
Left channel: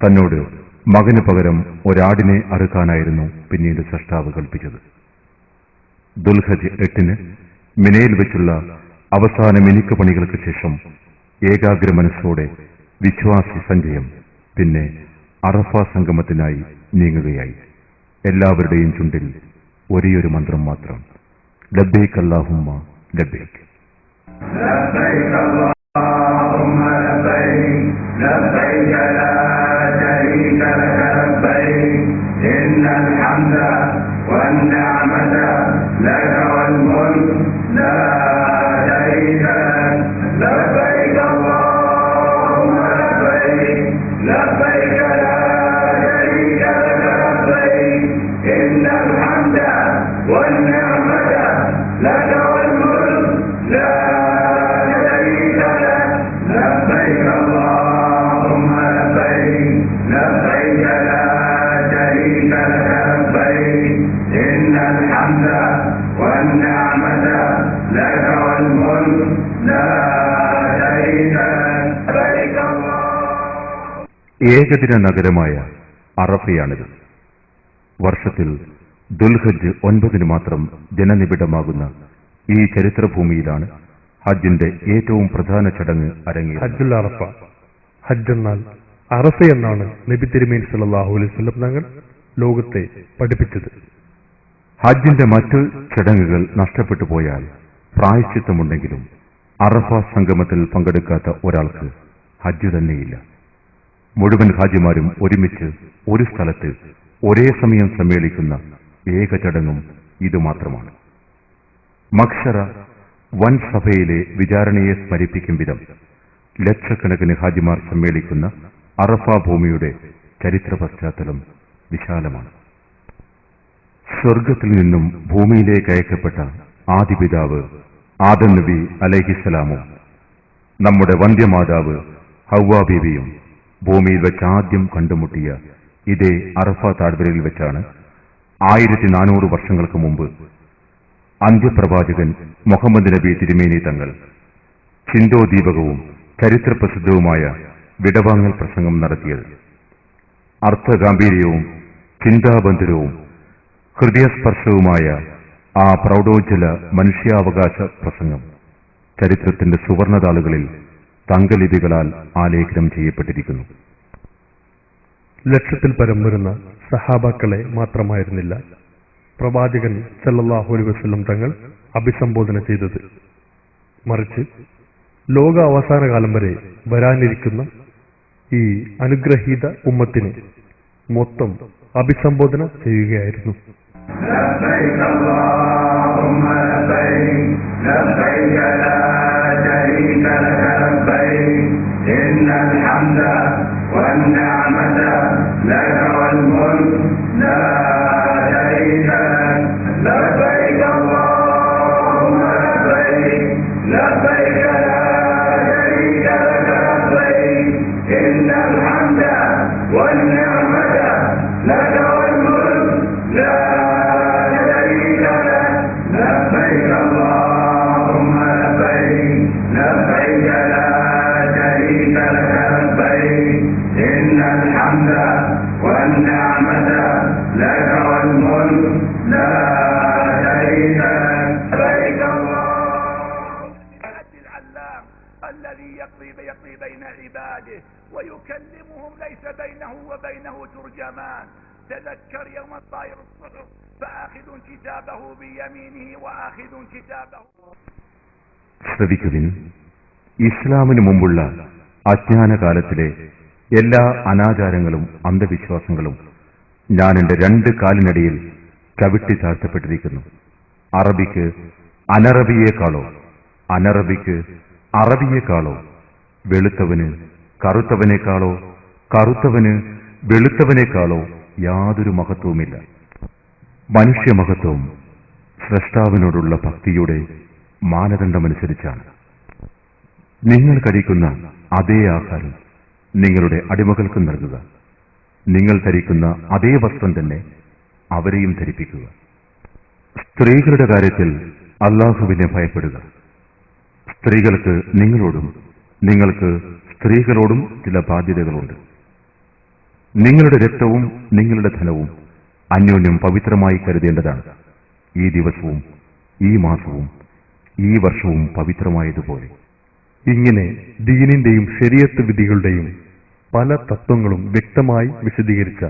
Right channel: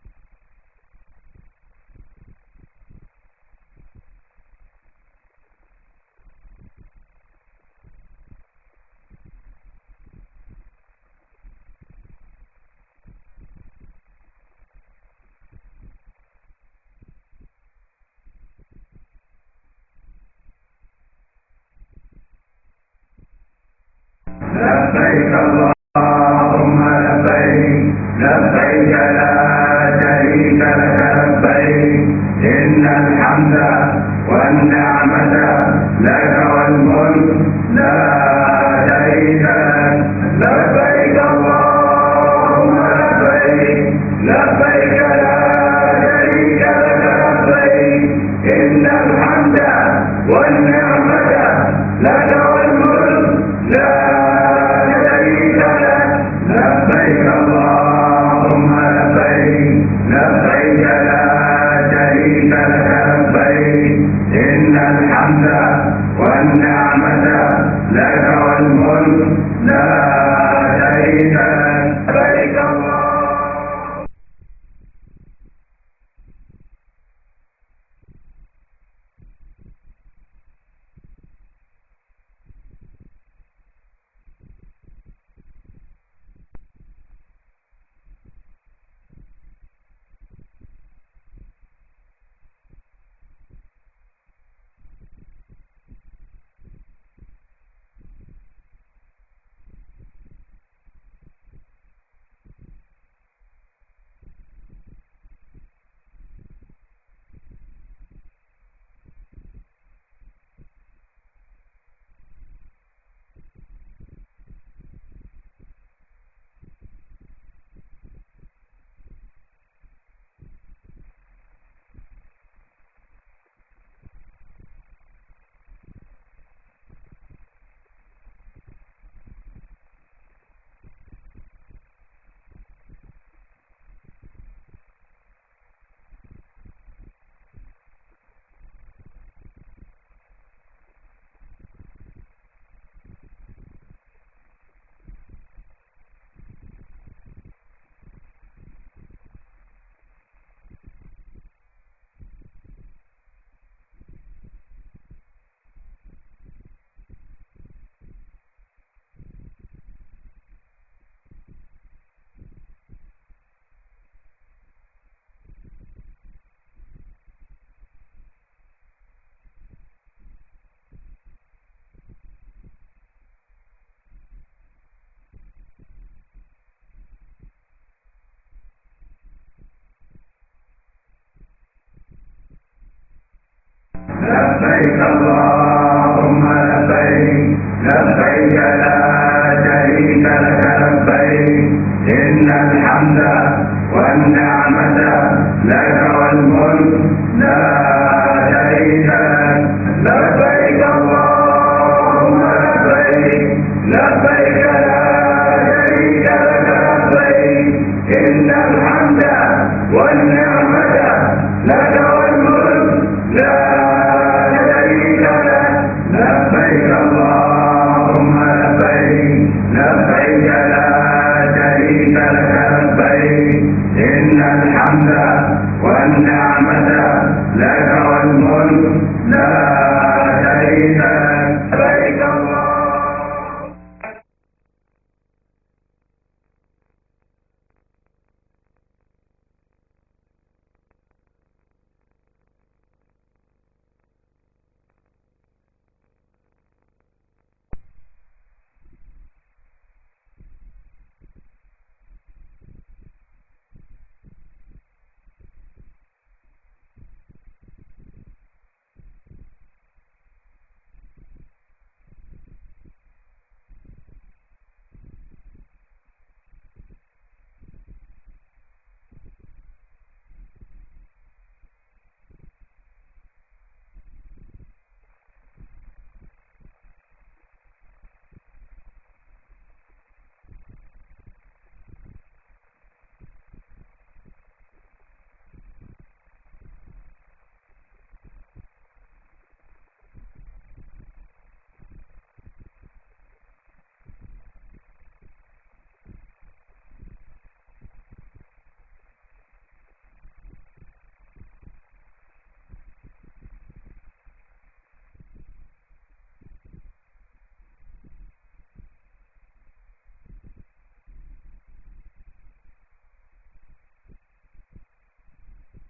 തന്നോട് മകന് പകരം ഒരാടിനെ അറുക്കാനായിരുന്നു പിന്നീട് സൃഷ്ടാവ് കൽപ്പിച്ചത്. ദുൽഹജ് 8 മിനയിൽ വെച്ചുള്ള അവസാന മിനുക്ക് പണികൾക്ക് ശേഷം ഏകാഗ്ര മനസ്സോടെ വിശ്വാസി സഞ്ചയം പിന്നെ അറഫ സംഗമത്തിനായി നീങ്ങുകയായി. എല്ലാവരുടെയും ചുണ്ടിൽ ഒരേയൊരു മന്ത്രം മാത്രം, ലബ്ബൈക് അല്ലാഹുമ്മ ലബ്ബൈക്. لبيك اللهم لبيك لبيك لا شريك لك لبيك إن الحمد والنعمة لك والملك لا شريك لك لبيك اللهم لبيك لبيك لا شريك لك لبيك إن الحمد والنعمة لك والملك لا شريك لك لبيك اللهم لبيك لبيك لا شريك لك لبيك إن الحمد والنعمة لك والملك لا شريك لك لبيك الله. ഏകദിന നഗരമായ അറഫയാണിത്. വർഷത്തിൽ ദുൽഹജ് 9 മാത്രം ജനനിബിഡമാകുന്ന ഈ ചരിത്രഭൂമിയിലാണ് ഹജ്ജിന്റെ ഏറ്റവും പ്രധാന ചടങ്ങ് അരങ്ങേറുന്നത്. ഹജ്ജുൽ അറഫ. ഹജ്ജ് എന്നാൽ അറഫ എന്നാണ് നബി തിരുമേനി സല്ലല്ലാഹു അലൈഹി വസല്ലം തങ്ങൾ ലോകത്തെ പഠിപ്പിച്ചത്. ഹജ്ജിന്റെ മറ്റു ചടങ്ങുകൾ നഷ്ടപ്പെട്ടു പോയാൽ പ്രായശ്ചിത്തമുണ്ടെങ്കിലും അറഫ സംഗമത്തിൽ പങ്കെടുക്കാത്ത ഒരാൾക്ക് ഹജ്ജ് തന്നെയില്ല. മുഴുവൻ ഹാജിമാരും ഒരുമിച്ച് ഒരു സ്ഥലത്ത് ഒരേ സമയം സമ്മേളിക്കുന്ന ഏക ചടങ്ങും ഇതുമാത്രമാണ്. മഖ്ശറ വൻ സഭയിലെ വിചാരണയെ സ്മരിപ്പിക്കും വിധം ലക്ഷക്കണക്കിന് ഹാജിമാർ സമ്മേളിക്കുന്ന അറഫ ഭൂമിയുടെ ചരിത്ര പശ്ചാത്തലം വിശാലമാണ്. സ്വർഗത്തിൽ നിന്നും ഭൂമിയിലേക്ക് അയക്കപ്പെട്ട ആദിപിതാവ് ആദം നബി അലൈഹിസ്സലാമും നമ്മുടെ വന്ധ്യമാതാവ് ഹവ്വാ ബീവിയും ഭൂമിയിൽ വെച്ച് ആദ്യം കണ്ടുമുട്ടിയ ഇതേ അറഫ താഴ്വരയിൽ വെച്ചാണ് 1400 വർഷങ്ങൾക്ക് മുമ്പ് അന്ത്യപ്രവാചകൻ മുഹമ്മദ് നബി തിരുമേനി തങ്ങൾ ചിന്തോദീപകവും ചരിത്രപ്രസിദ്ധവുമായ വിടവാങ്ങൽ പ്രസംഗം നടത്തിയത്. അർത്ഥഗാംഭീര്യവും ചിന്താബന്ധരവും ഹൃദയസ്പർശവുമായ ആ പ്രൗഢോജ്വല മനുഷ്യാവകാശ പ്രസംഗം ചരിത്രത്തിന്റെ സുവർണതാളുകളിൽ തങ്കലിപികളാൽ ആലേഖനം ചെയ്യപ്പെട്ടിരിക്കുന്നു. ലക്ഷത്തിൽ പരം വരുന്ന സഹാബാക്കളെ മാത്രമായിരുന്നില്ല പ്രവാചകൻ സല്ലല്ലാഹു അലൈഹി വസല്ലം തങ്ങൾ അഭിസംബോധന ചെയ്തത്. മറിച്ച് ലോക അവസാന കാലം വരെ വരാനിരിക്കുന്ന ഈ അനുഗ്രഹീത ഉമ്മത്തിനെ മൊത്തം അഭിസംബോധന ചെയ്യുകയായിരുന്നു. لبيك اللهم لبيك لبيك لا شريك لك لبيك إن الحمد والنعمة لك والملك لا شريك لك لبيك اللهم لبيك لبيك لا شريك لك لبيك لك والملك لا شريك لك لبيك اللهم لبيك لبيك لا شريك لك لبيك إن الحمد والنعمة لك والملك لا شريك لك لبيك العلام الذي يقضي بين عباده ويكلمهم ليس بينه وبينه ترجمان. تذكر يوم الطائر الصحف فآخذ كتابه بيمينه وآخذ كتابه. ശ്രദ്ധിക്കുവിൻ, ഇസ്ലാമിന് മുമ്പുള്ള അജ്ഞാനകാലത്തിലെ എല്ലാ അനാചാരങ്ങളും അന്ധവിശ്വാസങ്ങളും ഞാൻ എന്റെ 2 കാലിനടിയിൽ കവിട്ടി താഴ്ത്തപ്പെട്ടിരിക്കുന്നു. അറബിക്ക് അനറബിയേക്കാളോ അനറബിക്ക് അറബിയേക്കാളോ വെളുത്തവന് കറുത്തവനേക്കാളോ കറുത്തവന് വെളുത്തവനേക്കാളോ യാതൊരു മഹത്വവുമില്ല. മനുഷ്യമഹത്വം സ്രഷ്ടാവിനോടുള്ള ഭക്തിയുടെ മാനദണ്ഡമനുസരിച്ചാണ്. നിങ്ങൾ കഴിക്കുന്ന അതേ ആഹാരം നിങ്ങളുടെ അടിമകൾക്കും നൽകുക. നിങ്ങൾ ധരിക്കുന്ന അതേ വസ്ത്രം തന്നെ അവരെയും ധരിപ്പിക്കുക. സ്ത്രീകളുടെ കാര്യത്തിൽ അല്ലാഹുവിനെ ഭയപ്പെടുക. സ്ത്രീകൾക്ക് നിങ്ങളോടും നിങ്ങൾക്ക് സ്ത്രീകളോടും ചില ബാധ്യതകളുണ്ട്. നിങ്ങളുടെ രക്തവും നിങ്ങളുടെ ധനവും അന്യോന്യം പവിത്രമായി കരുതേണ്ടതാണ്. ഈ ദിവസവും ഈ മാസവും ഈ വർഷവും പവിത്രമായതുപോലെ. ഇങ്ങനെ ദീനിന്റെയും ശരീഅത്ത് വിധികളുടെയും പല തത്വങ്ങളും വ്യക്തമായി വിശദീകരിച്ച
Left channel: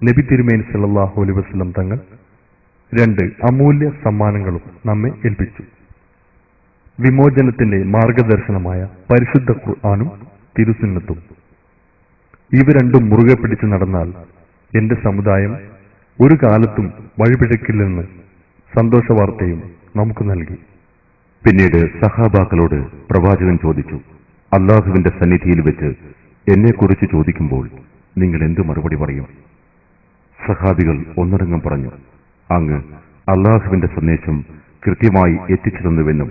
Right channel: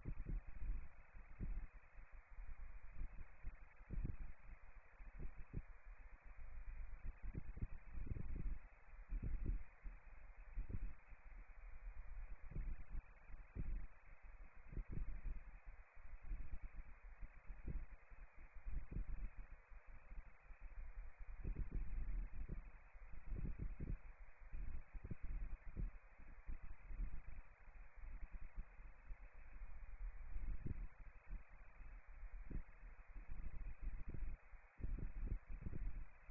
നബി തിരുമേനി സല്ലല്ലാഹു അലൈഹി വസല്ലം തങ്ങൾ 2 അമൂല്യ സമ്മാനങ്ങളും നമ്മെ ഏൽപ്പിച്ചു. വിമോചനത്തിന്റെ മാർഗദർശനമായ പരിശുദ്ധ ഖുർആനും തിരുസുന്നത്തും. ഇവ രണ്ടും മുറുകെ പിടിച്ചു നടന്നാൽ എന്റെ സമുദായം ഒരു കാലത്തും വഴിപിഴക്കില്ലെന്ന് സന്തോഷവാർത്തയും നമുക്ക് നൽകി. പിന്നീട് സഹാബാക്കളോട് പ്രവാചകൻ ചോദിച്ചു, അല്ലാഹുവിന്റെ സന്നിധിയിൽ വെച്ച് എന്നെക്കുറിച്ച് ചോദിക്കുമ്പോൾ നിങ്ങൾ എന്തു മറുപടി പറയും? സഹാബികൾ ഒന്നടങ്കം പറഞ്ഞു, അങ്ങ് അല്ലാഹുവിന്റെ സന്ദേശം കൃത്യമായി എത്തിച്ചു തന്നുവെന്നും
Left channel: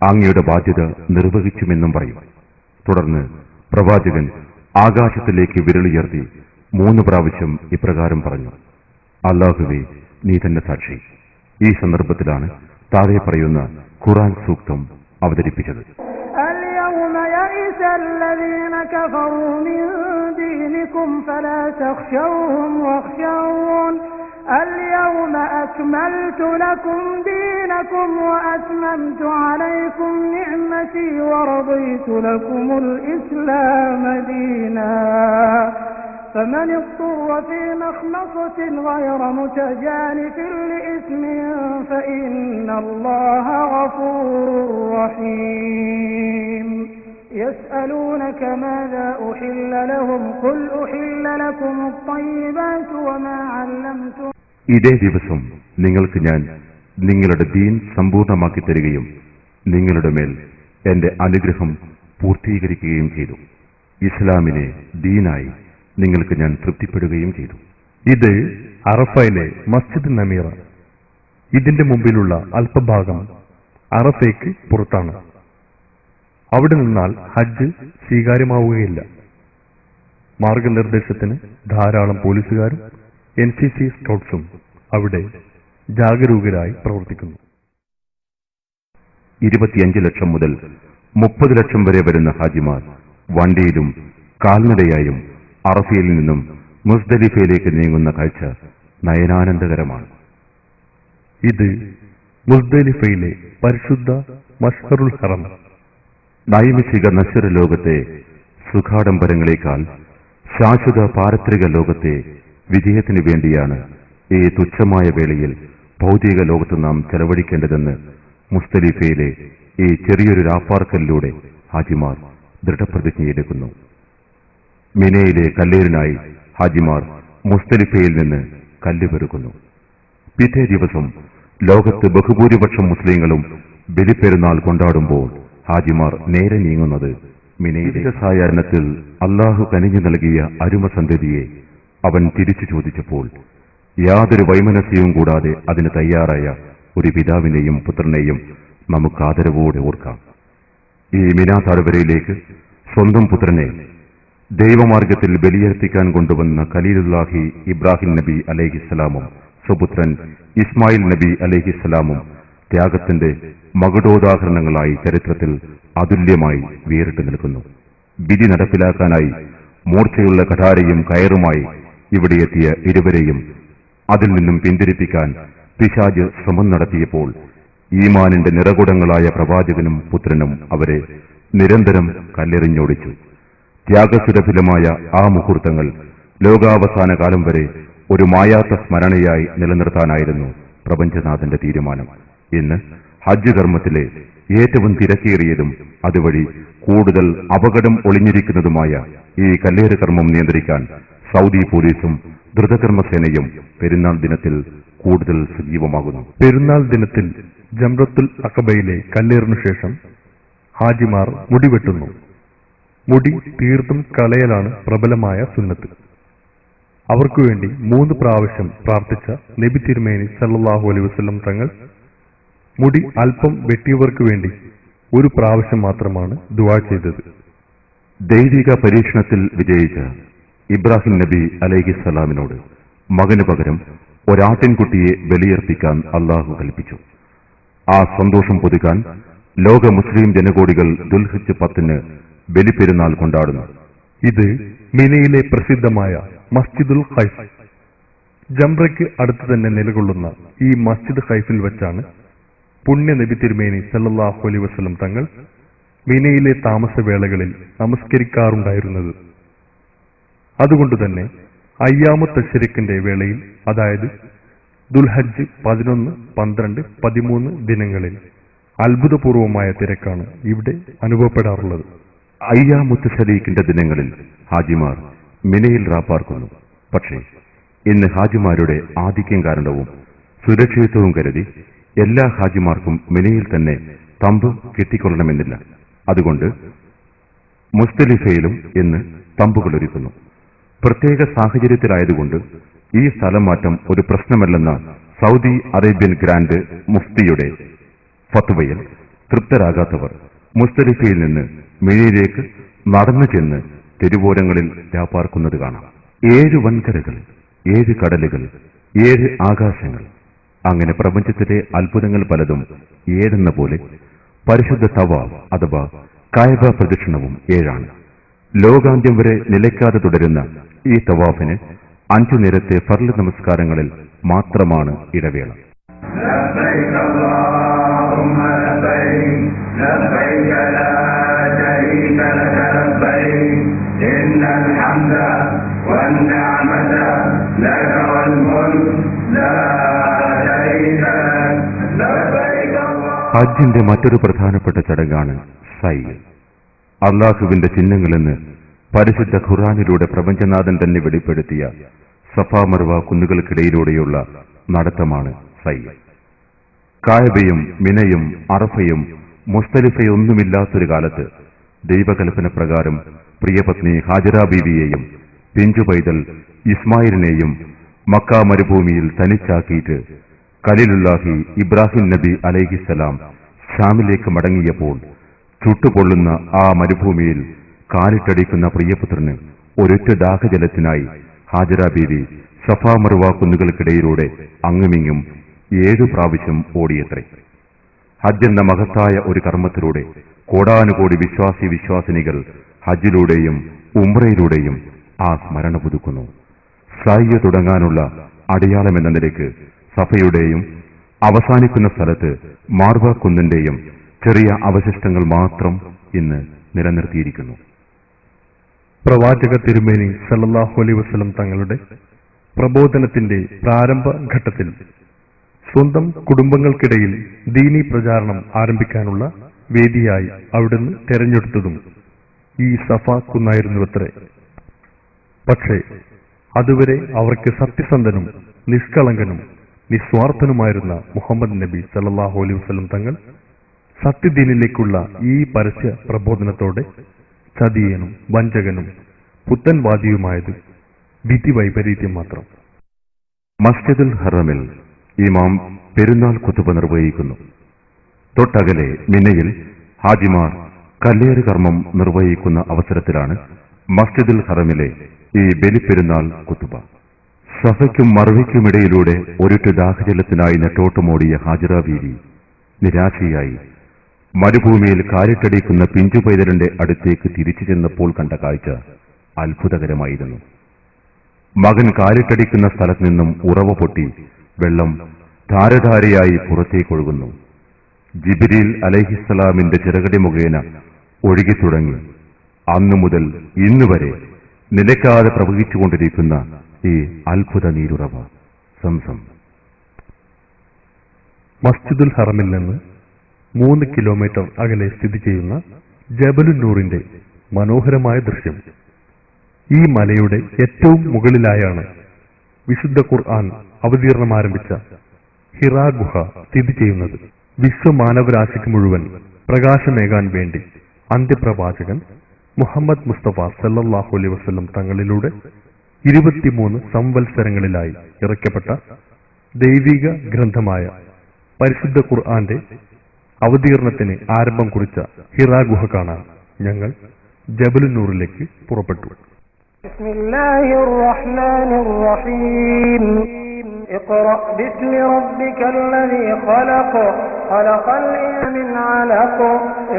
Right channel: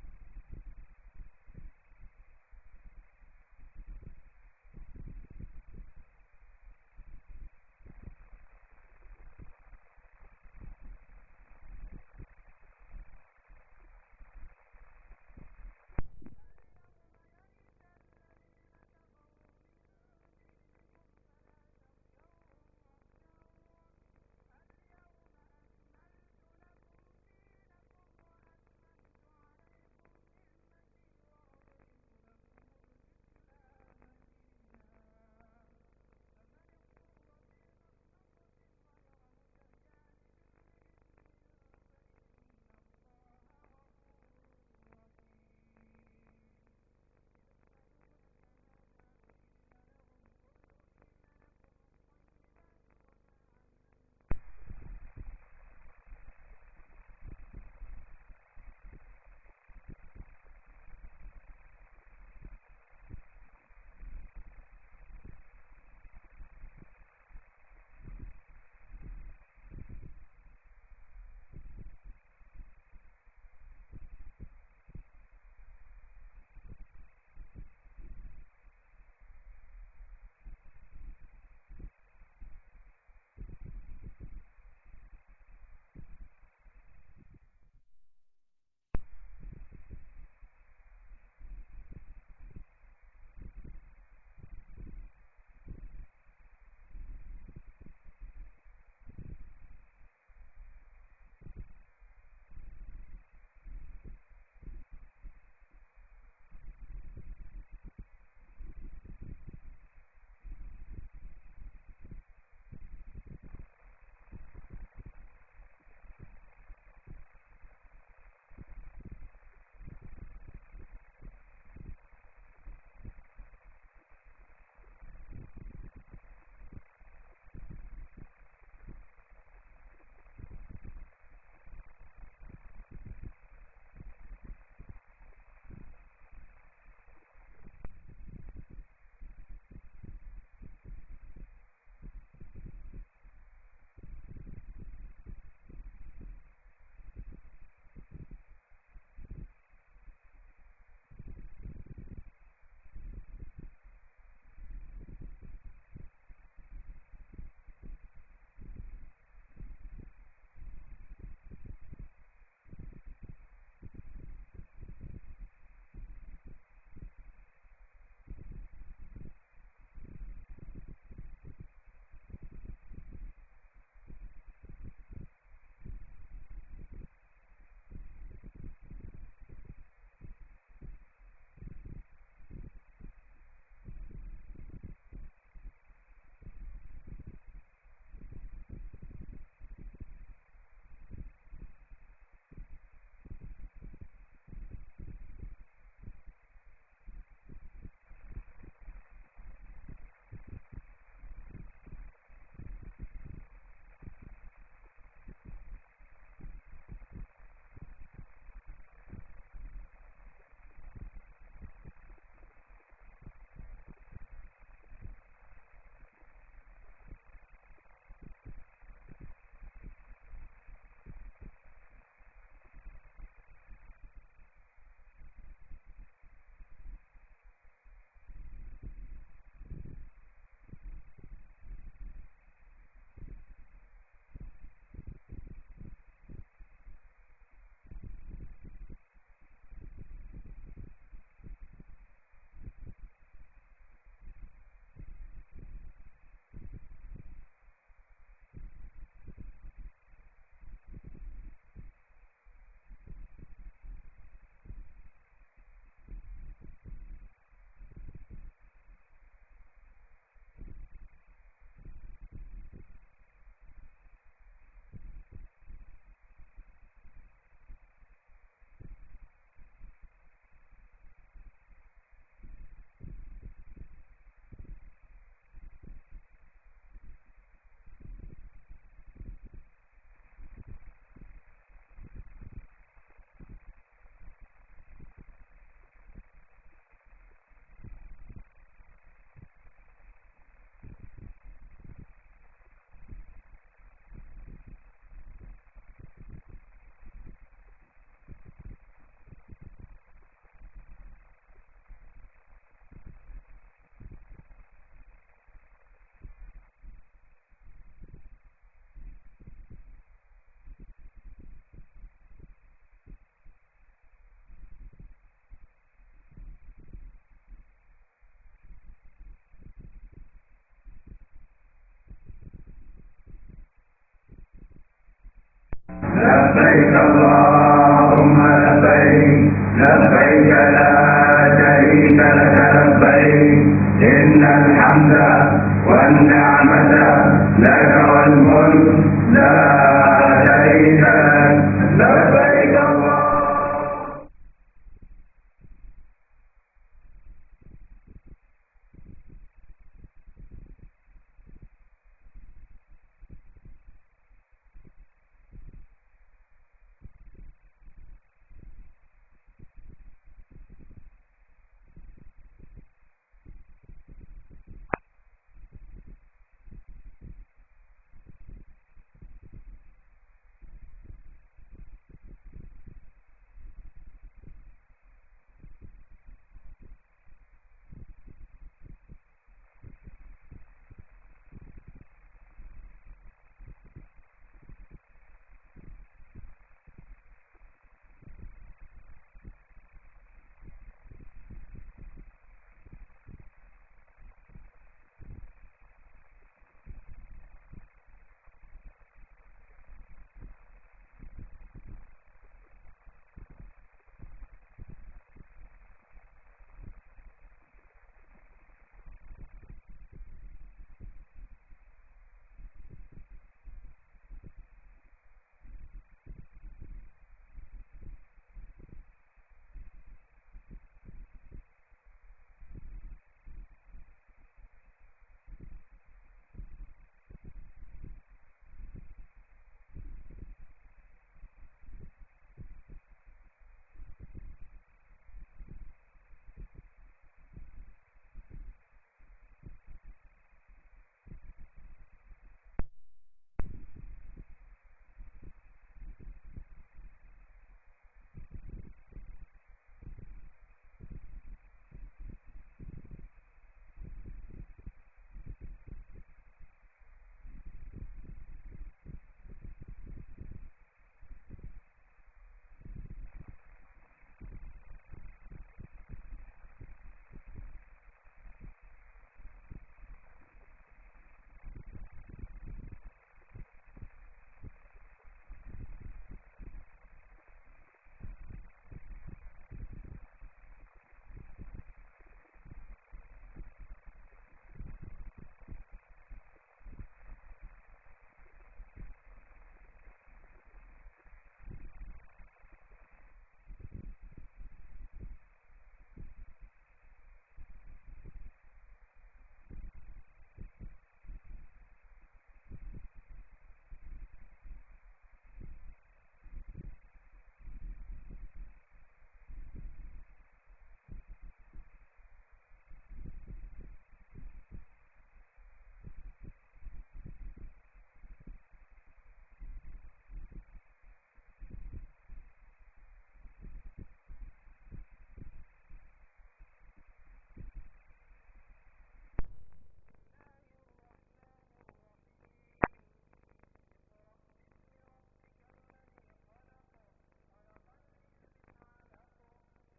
അങ്ങയുടെ ബാധ്യത നിർവഹിച്ചുമെന്നും പറയും. തുടർന്ന് പ്രവാചകൻ ആകാശത്തിലേക്ക് വിരലുയർത്തി 3 പ്രാവശ്യം ഇപ്രകാരം പറഞ്ഞു, അല്ലാഹുവേ, നീ തന്നെ സാക്ഷി. ഈ സന്ദർഭത്തിലാണ് താഴെ പറയുന്ന ഖുർആൻ സൂക്തം അവതരിപ്പിച്ചത്. اليوم يئس الذين كفروا من دينكم فلا تخشوهم واخشون اليوم أكملت لكم دينكم وأتممت عليكم نعمتي ورضيت لكم الإسلام دينا فمن اضطر في مخمصة غير متجانف لإثم فإن الله غفور رحيم يسألونك ماذا أحل لهم قل أحل لكم الطيبات وما علمتم. ഇതേ ദിവസം നിങ്ങൾക്ക് ഞാൻ നിങ്ങളുടെ ദീൻ സമ്പൂർണ്ണമാക്കി തരികയും നിങ്ങളുടെ മേൽ എന്റെ അനുഗ്രഹം പൂർത്തീകരിക്കുകയും ചെയ്തു. ഇസ്ലാമിനെ ദീനായി നിങ്ങൾക്ക് ഞാൻ തൃപ്തിപ്പെടുകയും ചെയ്തു. ഇത് അറഫയിലെ മസ്ജിദ് നമീറ. ഇതിന്റെ മുമ്പിലുള്ള അല്പഭാഗം അറഫയ്ക്ക് പുറത്താണ്. അവിടെ നിന്നാൽ ഹജ്ജ് സ്വീകാര്യമാവുകയില്ല. മാർഗനിർദ്ദേശത്തിന് ധാരാളം പോലീസുകാരും NCC സ്കൗട്ട്സും അവിടെ ജാഗരൂകരായി പ്രവർത്തിക്കുന്നു. 25 ലക്ഷം മുതൽ 30 ലക്ഷം വരെ വരുന്ന ഹാജിമാർ വണ്ടിയിലും കാൽനടയായും അറഫയിൽ നിന്നും മുസ്ദലിഫയിലേക്ക് നീങ്ങുന്ന കാഴ്ച നയനാനന്ദകരമാണ്. ഇത് മുസ്ദലിഫയിലെ പരിശുദ്ധ മഷ്അറുൽ ഹറം. നൈമിഷിക നശ്വര ലോകത്തെ സുഖാഡംബരങ്ങളെക്കാൾ ശാശ്വത പാരത്രിക ലോകത്തെ വിജയത്തിനു വേണ്ടിയാണ് ഈ തുച്ഛമായ വേളയിൽ ഭൗതിക ലോകത്ത് നാം ചെലവഴിക്കേണ്ടതെന്ന് മുസ്ദലിഫയിലെ ഈ ചെറിയൊരു രാപ്പാർക്കലിലൂടെ ഹാജിമാർ ദൃഢപ്രതിജ്ഞയെടുക്കുന്നു. മിനയിലെ കല്ലേറിനായി ഹാജിമാർ മുസ്ദലിഫയിൽ നിന്ന് കല്ല് പെറുക്കുന്നു. പിറ്റേ ദിവസം ലോകത്ത് ബഹുഭൂരിപക്ഷം മുസ്ലിങ്ങളും ബലിപ്പെരുന്നാൾ കൊണ്ടാടുമ്പോൾ ഹാജിമാർ നേരെ നീങ്ങുന്നത് മിനയിലെ സായാഹ്നത്തിൽ അല്ലാഹു കനിഞ്ഞു നൽകിയ അരുമസന്തതിയെ അവൻ തിരിച്ചു ചോദിച്ചപ്പോൾ യാതൊരു വൈമനസ്യവും കൂടാതെ അതിന് തയ്യാറായ ഒരു പിതാവിനെയും പുത്രനെയും നമുക്ക് ആദരവോടെ ഓർക്കാം. ഈ മിനാ താഴ്വരയിലേക്ക് സ്വന്തം പുത്രനെ ദൈവമാർഗത്തിൽ ബലിയർപ്പിക്കാൻ കൊണ്ടുവന്ന ഖലീലുല്ലാഹി ഇബ്രാഹിം നബി അലൈഹിസ്സലാമും സുപുത്രൻ ഇസ്മായിൽ നബി അലൈഹിസ്സലാമും ത്യാഗത്തിന്റെ മകുടോദാഹരണങ്ങളായി ചരിത്രത്തിൽ അതുല്യമായി വേറിട്ട് നിൽക്കുന്നു. വിധി നടപ്പിലാക്കാനായി മൂർച്ചയുള്ള കഠാരയും കയറുമായി ഇവിടെയെത്തിയ ഇരുവരെയും അതിൽ നിന്നും പിന്തിരിപ്പിക്കാൻ പിശാച് ശ്രമം നടത്തിയപ്പോൾ ഈമാനിന്റെ നിറകുടങ്ങളായ പ്രവാചകനും പുത്രനും അവരെ നിരന്തരം കല്ലെറിഞ്ഞോടിച്ചു. ത്യാഗസുരഭിലമായ ആ മുഹൂർത്തങ്ങൾ ലോകാവസാന കാലം വരെ ഒരു മായാത്ത സ്മരണയായി നിലനിർത്താനായിരുന്നു പ്രപഞ്ചനാഥന്റെ തീരുമാനം. ഇന്ന് ഹജ്ജ് കർമ്മത്തിലെ ഏറ്റവും തിരക്കേറിയതും അതുവഴി കൂടുതൽ അപകടം ഒളിഞ്ഞിരിക്കുന്നതുമായ ഈ കല്ലേറ് കർമ്മം നിയന്ത്രിക്കാൻ സൗദി പോലീസും ദ്രുതകർമ്മസേനയും പെരുന്നാൾ ദിനത്തിൽ കൂടുതൽ സജീവമാകുന്നു. പെരുന്നാൾ ദിനത്തിൽ ജംറത്തുൽ അഖബയിലെ കല്ലേറിനു ശേഷം ഹാജിമാർ മുടിവെട്ടുന്നു. മുടി തീർത്തും കളയലാണ് പ്രബലമായ സുന്നത്ത്. അവർക്കുവേണ്ടി 3 പ്രാവശ്യം പ്രാർത്ഥിച്ച നബി തിരുമേനി സല്ലല്ലാഹു അലൈഹി വസല്ലം തങ്ങൾ മുടി അല്പം വെട്ടിയവർക്ക് വേണ്ടി 1 പ്രാവശ്യം മാത്രമാണ് ദുആ ചെയ്തത്. ദൈവിക പരീക്ഷണത്തിൽ വിജയിച്ച ഇബ്രാഹിം നബി അലൈഹിസ്സലാമിനോട് മകനു പകരം ഒരാട്ടിൻകുട്ടിയെ ബലിയർപ്പിക്കാൻ അള്ളാഹു കൽപ്പിച്ചു. ആ സന്തോഷം പുതുക്കാൻ ലോക മുസ്ലിം ജനകോടികൾ ദുൽഹിജ്ജ് 10 ബലിപ്പെരുന്നാൾ കൊണ്ടാടുന്നു. ഇത് മിനയിലെ പ്രസിദ്ധമായ മസ്ജിദുൽ ഖൈഫ്, ജംറയ്ക്ക് അടുത്ത് തന്നെ നിലകൊള്ളുന്ന ഈ മസ്ജിദ് ഖൈഫിൽ വെച്ചാണ് പുണ്യ നബി തിരുമേനി സല്ലല്ലാഹു അലൈഹി വസല്ലം തങ്ങൾ മിനയിലെ താമസവേളകളിൽ നമസ്കരിക്കാറുണ്ടായിരുന്നത്. അതുകൊണ്ടുതന്നെ അയ്യാമു തശ്രീഖിന്റെ വേളയിൽ, അതായത് ദുൽഹജ്ജ് 11, 12, 13 ദിനങ്ങളിൽ അത്ഭുതപൂർവമായ തിരക്കാണ് ഇവിടെ അനുഭവപ്പെടാറുള്ളത്. അയ്യാമുത്ത് ശരീഖിന്റെ ദിനങ്ങളിൽ ഹാജിമാർ മിനയിൽ റാപ്പാർക്കുന്നു. പക്ഷേ ഇന്ന് ഹാജിമാരുടെ ആധിക്യം കാരണവും സുരക്ഷിതത്വവും കരുതി എല്ലാ ഹാജിമാർക്കും മിനയിൽ തന്നെ തമ്പ് കെട്ടിക്കൊള്ളണമെന്നില്ല. അതുകൊണ്ട് മുസ്തലിഫയിലും ഇന്ന് തമ്പുകൾ ഒരുക്കുന്നു. പ്രത്യേക സാഹചര്യത്തിലായതുകൊണ്ട് ഈ സ്ഥലം മാറ്റം ഒരു പ്രശ്നമല്ലെന്ന സൗദി അറേബ്യൻ ഗ്രാൻഡ് മുഫ്തിയുടെ ഫത്വയിൽ തൃപ്തരാകാത്തവർ മുസ്തലിഫയിൽ നിന്ന് മിനയിലേക്ക് നടന്നു ചെന്ന് തെരുവോരങ്ങളിൽ രാപ്പാർക്കുന്നത് കാണാം. 7 വൻകരകൾ, 7 കടലുകൾ, 7 ആകാശങ്ങൾ, അങ്ങനെ പ്രപഞ്ചത്തിലെ അത്ഭുതങ്ങൾ പലതും 7 പോലെ പരിശുദ്ധ തവാഫ് അഥവാ കഅബ പ്രദക്ഷിണവും 7. ലോകാന്ത്യം വരെ നിലയ്ക്കാതെ തുടരുന്ന ഈ തവാഫിന് 5 നേരത്തെ ഫർള് നമസ്കാരങ്ങളിൽ മാത്രമാണ് ഇടവേള. لبيك اللهم لبيك لبيك لا شريك لك لبيك إن الحمد والنعمة لك والملك لا شريك لك لبيك اللهم. ഹജ്ജിന്റെ മറ്റൊരു പ്രധാനപ്പെട്ട ചടങ്ങാണ് സൈ. അള്ളാഹുവിന്റെ ചിഹ്നങ്ങളെന്ന് പരിശുദ്ധ ഖുർആനിലൂടെ പ്രപഞ്ചനാഥൻ തന്നെ വെളിപ്പെടുത്തിയ സഫാ മർവ കുന്നുകൾക്കിടയിലൂടെയുള്ള നടത്തമാണ് സൈ. കായബയും മിനയും അറഫയും മുസ്തലിഫയൊന്നുമില്ലാത്തൊരു കാലത്ത് ദൈവകൽപ്പന പ്രകാരം പ്രിയപത്നി ഹാജറ ബീവിയെയും പിഞ്ചു പൈതൽ ഇസ്മായിലിനെയും മക്ക മരുഭൂമിയിൽ തനിച്ചാക്കിയിട്ട് ഖലീലുല്ലാഹി ഇബ്രാഹിം നബി അലൈഹിസ്സലാം ഷാമിലേക്ക് മടങ്ങിയപ്പോൾ ചുട്ടുപൊള്ളുന്ന ആ മരുഭൂമിയിൽ കാലിട്ടടിക്കുന്ന പ്രിയപുത്രന് ഒരൊറ്റ ദാഹജലത്തിനായി ഹാജറ ബീവി സഫാ മർവ കുന്നുകൾക്കിടയിലൂടെ അങ്ങുമിങ്ങും 7 പ്രാവശ്യം ഓടിയത്രേ. ഹജ്ജ് എന്ന മഹത്തായ ഒരു കർമ്മത്തിലൂടെ കോടാനുകോടി വിശ്വാസിനികൾ ഹജ്ജിലൂടെയും ഉംറയിലൂടെയും ആ സ്മരണ പുതുക്കുന്നു. സയ്യ് തുടങ്ങാനുള്ള അടയാളമെന്ന നിലയ്ക്ക് സഫയുടെയും അവസാനിക്കുന്ന സ്ഥലത്ത് മാർവ കുന്നിന്റെയും ചെറിയ അവശിഷ്ടങ്ങൾ മാത്രം ഇന്ന് നിലനിർത്തിയിരിക്കുന്നു. പ്രവാചക തിരുമേനി സല്ലല്ലാഹു അലൈഹി വസല്ലം തങ്ങളുടെ പ്രബോധനത്തിന്റെ പ്രാരംഭ ഘട്ടത്തിൽ സ്വന്തം കുടുംബങ്ങൾക്കിടയിൽ ദീനീ പ്രചാരണം ആരംഭിക്കാനുള്ള വേദിയായി അവിടുന്ന് തെരഞ്ഞെടുത്തതും ഈ സഫ കുന്നായിരുന്നുവത്രേ. പക്ഷേ അതുവരെ അവർക്ക് സത്യസന്ധനും നിഷ്കളങ്കനും നിസ്വാർത്ഥനുമായിരുന്ന മുഹമ്മദ് നബി സല്ലല്ലാഹു അലൈഹി വസല്ലം തങ്ങൾ സത്യദീനിലേക്കുള്ള ഈ പരസ്യ പ്രബോധനത്തോടെ ചതിയനും വഞ്ചകനും പുത്തൻവാദിയുമായത് വിധി വൈപരീത്യം മാത്രം. മസ്ജിദുൽ ഹറമിൽ ഇമാം പെരുന്നാൾ ഖുതുബ നിർവഹിക്കുന്നു. തൊട്ടകലെ മിനയിൽ ഹാജിമാർ കല്ലേറ് കർമ്മം നിർവഹിക്കുന്ന അവസരത്തിലാണ് മസ്ജിദുൽ ഹറമിലെ ഈ ബലിപ്പെരുന്നാൾ കുത്തുബ. സഫയ്ക്കും മർവയ്ക്കുമിടയിലൂടെ ഒരിറ്റു ദാഹജലത്തിനായി നെട്ടോട്ടമോടിയ ഹാജിറ ബീവി നിരാശയായി മരുഭൂമിയിൽ കാരിട്ടടിക്കുന്ന പിഞ്ചുപൈതലിന്റെ അടുത്തേക്ക് തിരിച്ചു ചെന്നപ്പോൾ കണ്ട കാഴ്ച അത്ഭുതകരമായിരുന്നു. മകൻ കാരിട്ടടിക്കുന്ന സ്ഥലത്ത് നിന്നും ഉറവ പൊട്ടി വെള്ളം ധാരധാരയായി പുറത്തേക്കൊഴുകുന്നു. ജിബ്രീൽ അലൈഹിസ്സലാമിന്റെ ചിറകടി മുഖേന ഒഴുകിത്തുടങ്ങി അന്നു മുതൽ ഇന്നുവരെ നിലയ്ക്കാതെ പ്രവഹിച്ചുകൊണ്ടിരിക്കുന്ന ഈ അത്ഭുത നീരുറവ സംസം. മസ്ജിദുൽ ഹറമിൽ നിന്ന് 3 കിലോമീറ്റർ അകലെ സ്ഥിതി ചെയ്യുന്ന ജബലുന്നൂറിന്റെ മനോഹരമായ ദൃശ്യം. ഈ മലയുടെ ഏറ്റവും മുകളിലായാണ് വിശുദ്ധ ഖുർആൻ അവതീർണം ആരംഭിച്ച ഹിറാ ഗുഹ സ്ഥിതി ചെയ്യുന്നത്. വിശ്വമാനവരാശിക്ക് മുഴുവൻ പ്രകാശമേകാൻ വേണ്ടി അന്ത്യപ്രവാചകൻ മുഹമ്മദ് മുസ്തഫ സല്ലല്ലാഹു അലൈഹി വസല്ലം തങ്ങളിലൂടെ 23 സംവത്സരങ്ങളിലായി ഇറക്കപ്പെട്ട ദൈവിക ഗ്രന്ഥമായ പരിശുദ്ധ ഖുർആന്റെ അവതീർണത്തിന് ആരംഭം കുറിച്ച ഹിറാ ഗുഹ കാണാൻ ഞങ്ങൾ ജബലുന്നൂറിലേക്ക് പുറപ്പെട്ടു. ബിസ്മില്ലാഹിർ റഹ്മാനിർ റഹീം. اقرأ باسم ربك الذي خلق خلق الإنسان من علق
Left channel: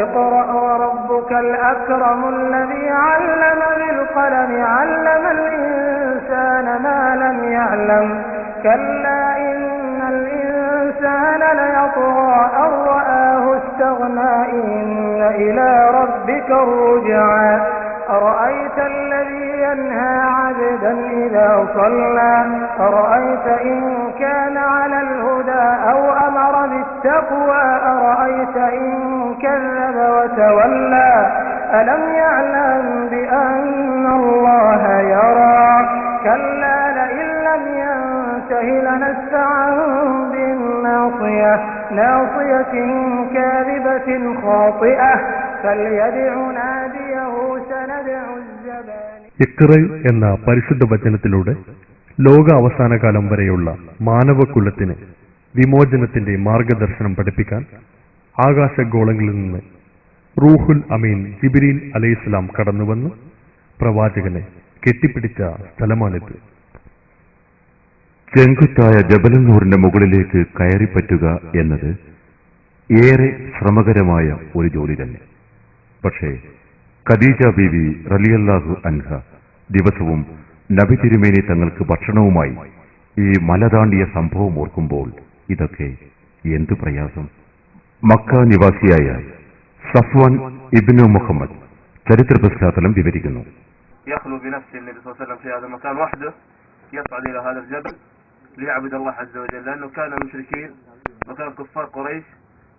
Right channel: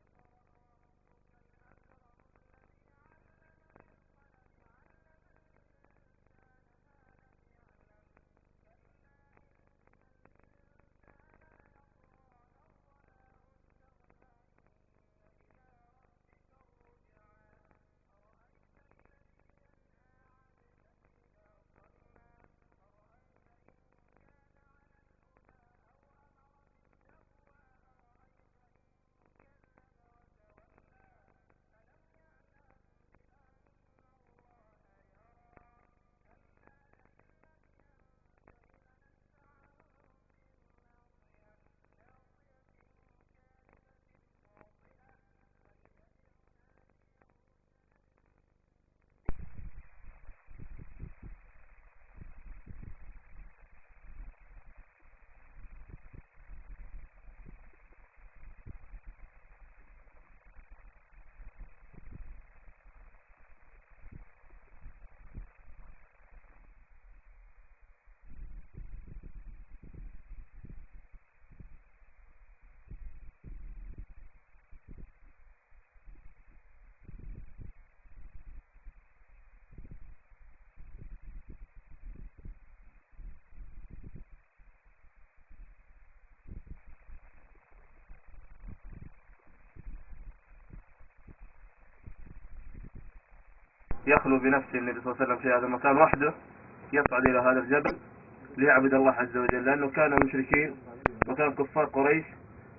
اقرأ وربك الأكرم الذي علم بالقلم علم الإنسان ما لم يعلم كلا إن الإنسان ليطغى أن رآه استغنى إن إلى ربك الرجعى أرأيت الذي ينهى عبدا إذا صلى أرأيت إن كان على الهدى أو أمر بالتقوى أرأيت إن كذب وتولى ألم يعلم بأن الله يرى كلا لئن لم ينته لنسفعا بالناصية ناصية كاذبة خاطئة فليدع ناديه سندع الزبانية. ഇഖ്റ എന്ന പരിശുദ്ധ വചനത്തിലൂടെ ലോക അവസാനകാലം വരെയുള്ള മാനവകുലത്തിന് വിമോചനത്തിന്റെ മാർഗദർശനം പഠിപ്പിക്കാൻ ആകാശഗോളങ്ങളിൽ നിന്ന് റൂഹുൽ അമീൻ ജിബ്രീൽ അലൈഹിസ്സലാം കടന്നുവന്ന് പ്രവാചകനെ കെട്ടിപ്പിടിച്ച സ്ഥലമാണിത്. ചെങ്കുത്തായ ജബലുന്നൂറിന്റെ മുകളിലേക്ക് കയറിപ്പറ്റുക എന്നത് ഏറെ ശ്രമകരമായ ഒരു ജോലി തന്നെ. പക്ഷേ ഖദീജ ബീവി റളിയല്ലാഹു അൻഹ ദിവസവും നബി തിരുമേനി തങ്ങൾക്ക് ഭക്ഷണവുമായി ഈ മല താണ്ടിയ സംഭവം ഓർക്കുമ്പോൾ ഇതൊക്കെ എന്തു പ്രയാസം. മക്ക നിവാസിയായ സഫ്വാൻ ഇബ്നു മുഹമ്മദ് ചരിത്ര പശ്ചാത്തലം വിവരിക്കുന്നു. يخلو بنفسه النبي صلى الله عليه وسلم في هذا المكان وحده يصعد إلى هذا الجبل ليعبد الله عز وجل لأنه كان المشركين وكان كفار قريش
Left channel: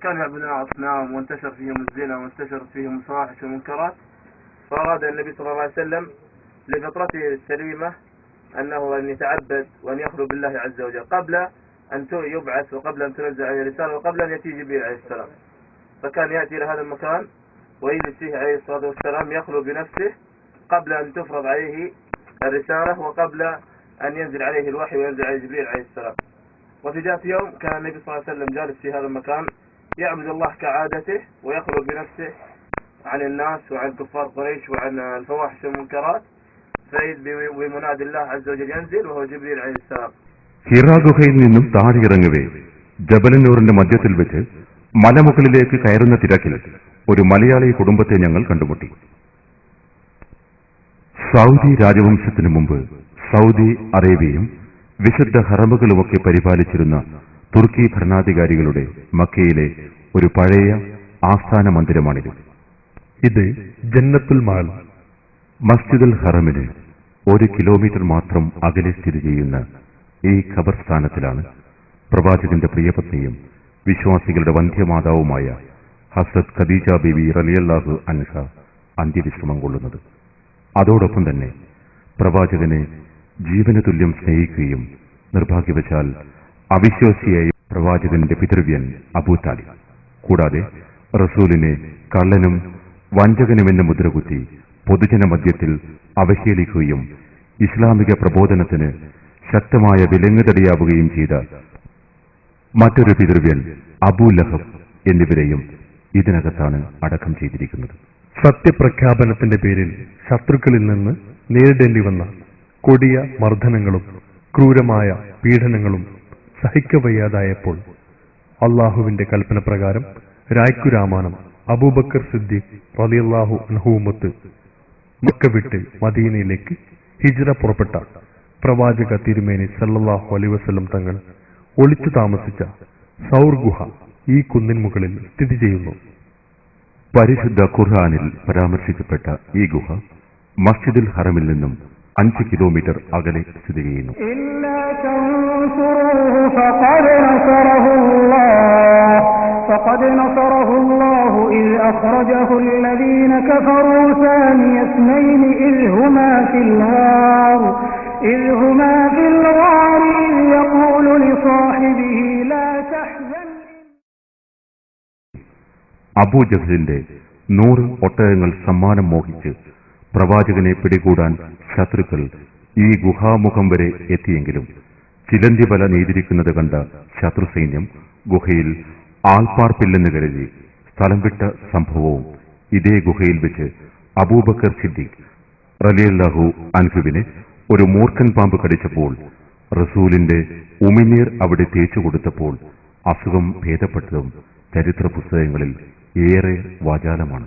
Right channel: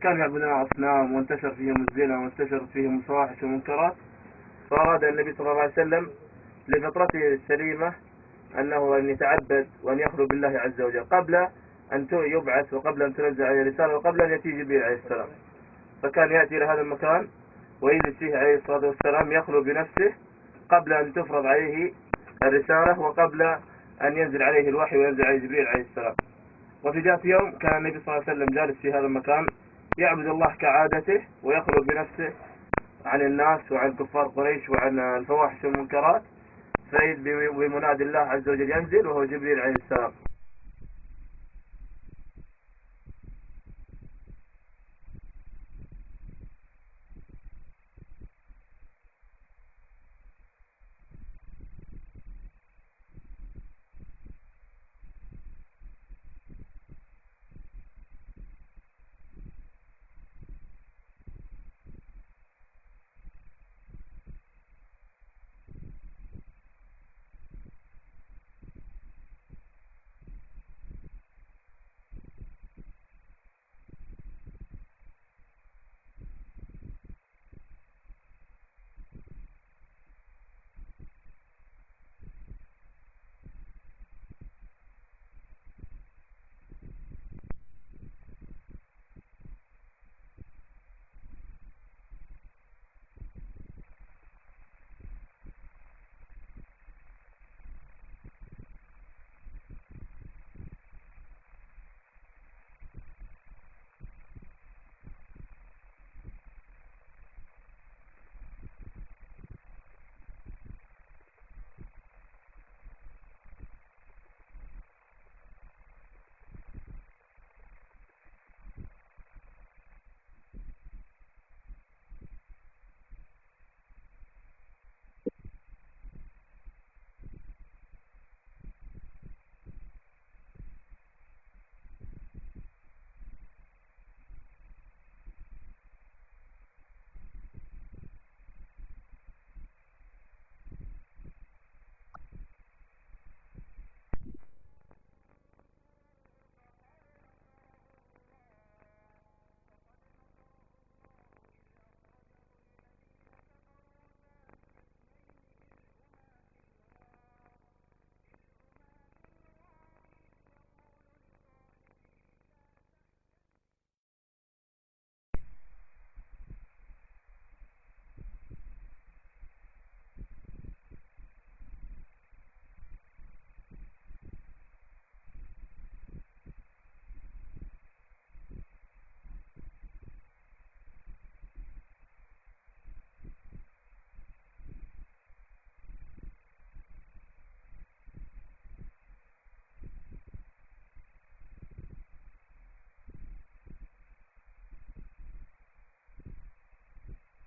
كانوا يعبدون أصنام وانتشر فيهم الزنا وانتشرت فيهم الفواحش والمنكرات فأراد النبي صلى الله عليه وسلم لفطرته السليمة أنه أن يتعبد وأن يخلو بالله عز وجل قبل أن يبعث وقبل أن تنزل عليه الرسالة وقبل أن يأتي جبريل عليه السلام. فكان يأتي إلى هذا المكان ويجلس فيه عليه الصلاة والسلام يخلو بنفسه قبل أن تفرض عليه الرسالة وقبل أن ينزل عليه الوحي وينزل عليه جبريل عليه السلام. وفي ذات يوم كان النبي صلى الله عليه وسلم جالس في هذا المكان يعبد الله كعادته ويخلو بنفسه عن الناس وعن كفار قريش وعن الفواحش والمنكرات فإذ بمنادي الله عز وجل ينزل وهو جبريل عليه السلام. ഹിറാ ഗുഹയിൽ നിന്നും താഴെയിറങ്ങവേ ജബലുന്നൂറിന്റെ മധ്യത്തിൽ വെച്ച് മലമുകളിലേക്ക് കയറുന്ന തിരക്കിൽ ഒരു മലയാളി കുടുംബത്തെ ഞങ്ങൾ കണ്ടുമുട്ടി. സൗദി രാജവംശത്തിനു മുമ്പ് സൗദി അറേബ്യയും വിശുദ്ധ ഹറമുകളുമൊക്കെ പരിപാലിച്ചിരുന്ന തുർക്കി ഭരണാധികാരികളുടെ മക്കയിലെ ഒരു പഴയ ആസ്ഥാന മന്ദിരമാണിത്. ഇത് ജന്നത്തുൽ മാൽ. മസ്ജിദുൽ ഹറമിന് 1 കിലോമീറ്റർ മാത്രം അകലെ സ്ഥിതി ചെയ്യുന്ന ഈ ഖബർസ്ഥാനത്തിലാണ് പ്രവാചകന്റെ പ്രിയപത്നിയും വിശ്വാസികളുടെ വന്ധ്യമാതാവുമായ ഹസ്രത്ത് ഖദീജ ബീവി റളിയല്ലാഹു അൻഹ അന്ത്യവിശ്രമം കൊള്ളുന്നത്. അതോടൊപ്പം തന്നെ പ്രവാചകനെ ജീവന തുല്യം സ്നേഹിക്കുകയും നിർഭാഗ്യവശാൽ അവിശ്വാസിയായ പ്രവാചകന്റെ പിതൃവ്യൻ അബൂ താലിബ് കൂടാതെ റസൂലിനെ കള്ളനും വഞ്ചകനുമെന്ന് മുദ്രകുത്തി പൊതുജന മധ്യത്തിൽ അവഹേളിക്കുകയും ഇസ്ലാമിക പ്രബോധനത്തിന് ശക്തമായ വിലങ്ങുതടിയാവുകയും ചെയ്ത മറ്റൊരു പിതൃവ്യൻ അബൂ ലഹബ് എന്നിവരെയും ഇതിനകത്താണ് അടക്കം ചെയ്തിരിക്കുന്നത്. സത്യപ്രഖ്യാപനത്തിന്റെ പേരിൽ ശത്രുക്കളിൽ നിന്ന് നേരിടേണ്ടി വന്ന കൊടിയ മർദ്ദനങ്ങളും ക്രൂരമായ പീഡനങ്ങളും സഹിക്കവയ്യാതായപ്പോൾ അള്ളാഹുവിന്റെ കൽപ്പന പ്രകാരം രായ്ക്കുരാമാനം അബൂബക്കർ സിദ്ദീഖ് റളിയല്ലാഹു അൻഹുവുമൊത്ത് മക്ക വിട്ട് മദീനയിലേക്ക് ഹിജ്റ പുറപ്പെട്ട പ്രവാചക തിരുമേനി സല്ലല്ലാഹു അലൈഹി വസല്ലം തങ്ങൾ ഒളിച്ചു താമസിച്ച സൗർ ഗുഹ ഈ കുന്നിൻ മുകളിൽ സ്ഥിതി ചെയ്യുന്നു. പരിശുദ്ധ ഖുർആനിൽ പരാമർശിക്കപ്പെട്ട ഈ ഗുഹ മസ്ജിദുൽ ഹറമിൽ നിന്നും 5 കിലോമീറ്റർ അകലെ സ്ഥിതി ചെയ്യുന്നു. فقد نصره الله إذ أخرجه الذين كفروا ثاني اثنين إذ هما في الغار إذ يقول لصاحبه لا تحزن. അബൂജഹലിന്റെ 100 ഒട്ടകങ്ങൾ സമ്മാനം മോഹിച്ച് പ്രവാചകനെ പിടികൂടാൻ ശത്രുക്കൾ ഈ ഗുഹാമുഖം വരെ എത്തിയെങ്കിലും ചിലന്തി വല നെയ്തിരിക്കുന്നത് കണ്ട ശത്രുസൈന്യം ഗുഹയിൽ ആൾപ്പാർപ്പില്ലെന്ന് കരുതി സ്ഥലം വിട്ട സംഭവവും ഇതേ ഗുഹയിൽ വെച്ച് അബൂബക്കർ സിദ്ദീഖ് റളിയല്ലാഹു അൻഹുവിനെ ഒരു മൂർഖൻ പാമ്പ് കടിച്ചപ്പോൾ റസൂലിന്റെ ഉമിനീർ അവിടെ തേച്ചു കൊടുത്തപ്പോൾ അസുഖം ഭേദപ്പെട്ടതും ചരിത്ര പുസ്തകങ്ങളിൽ ഏറെ വാചാലമാണ്.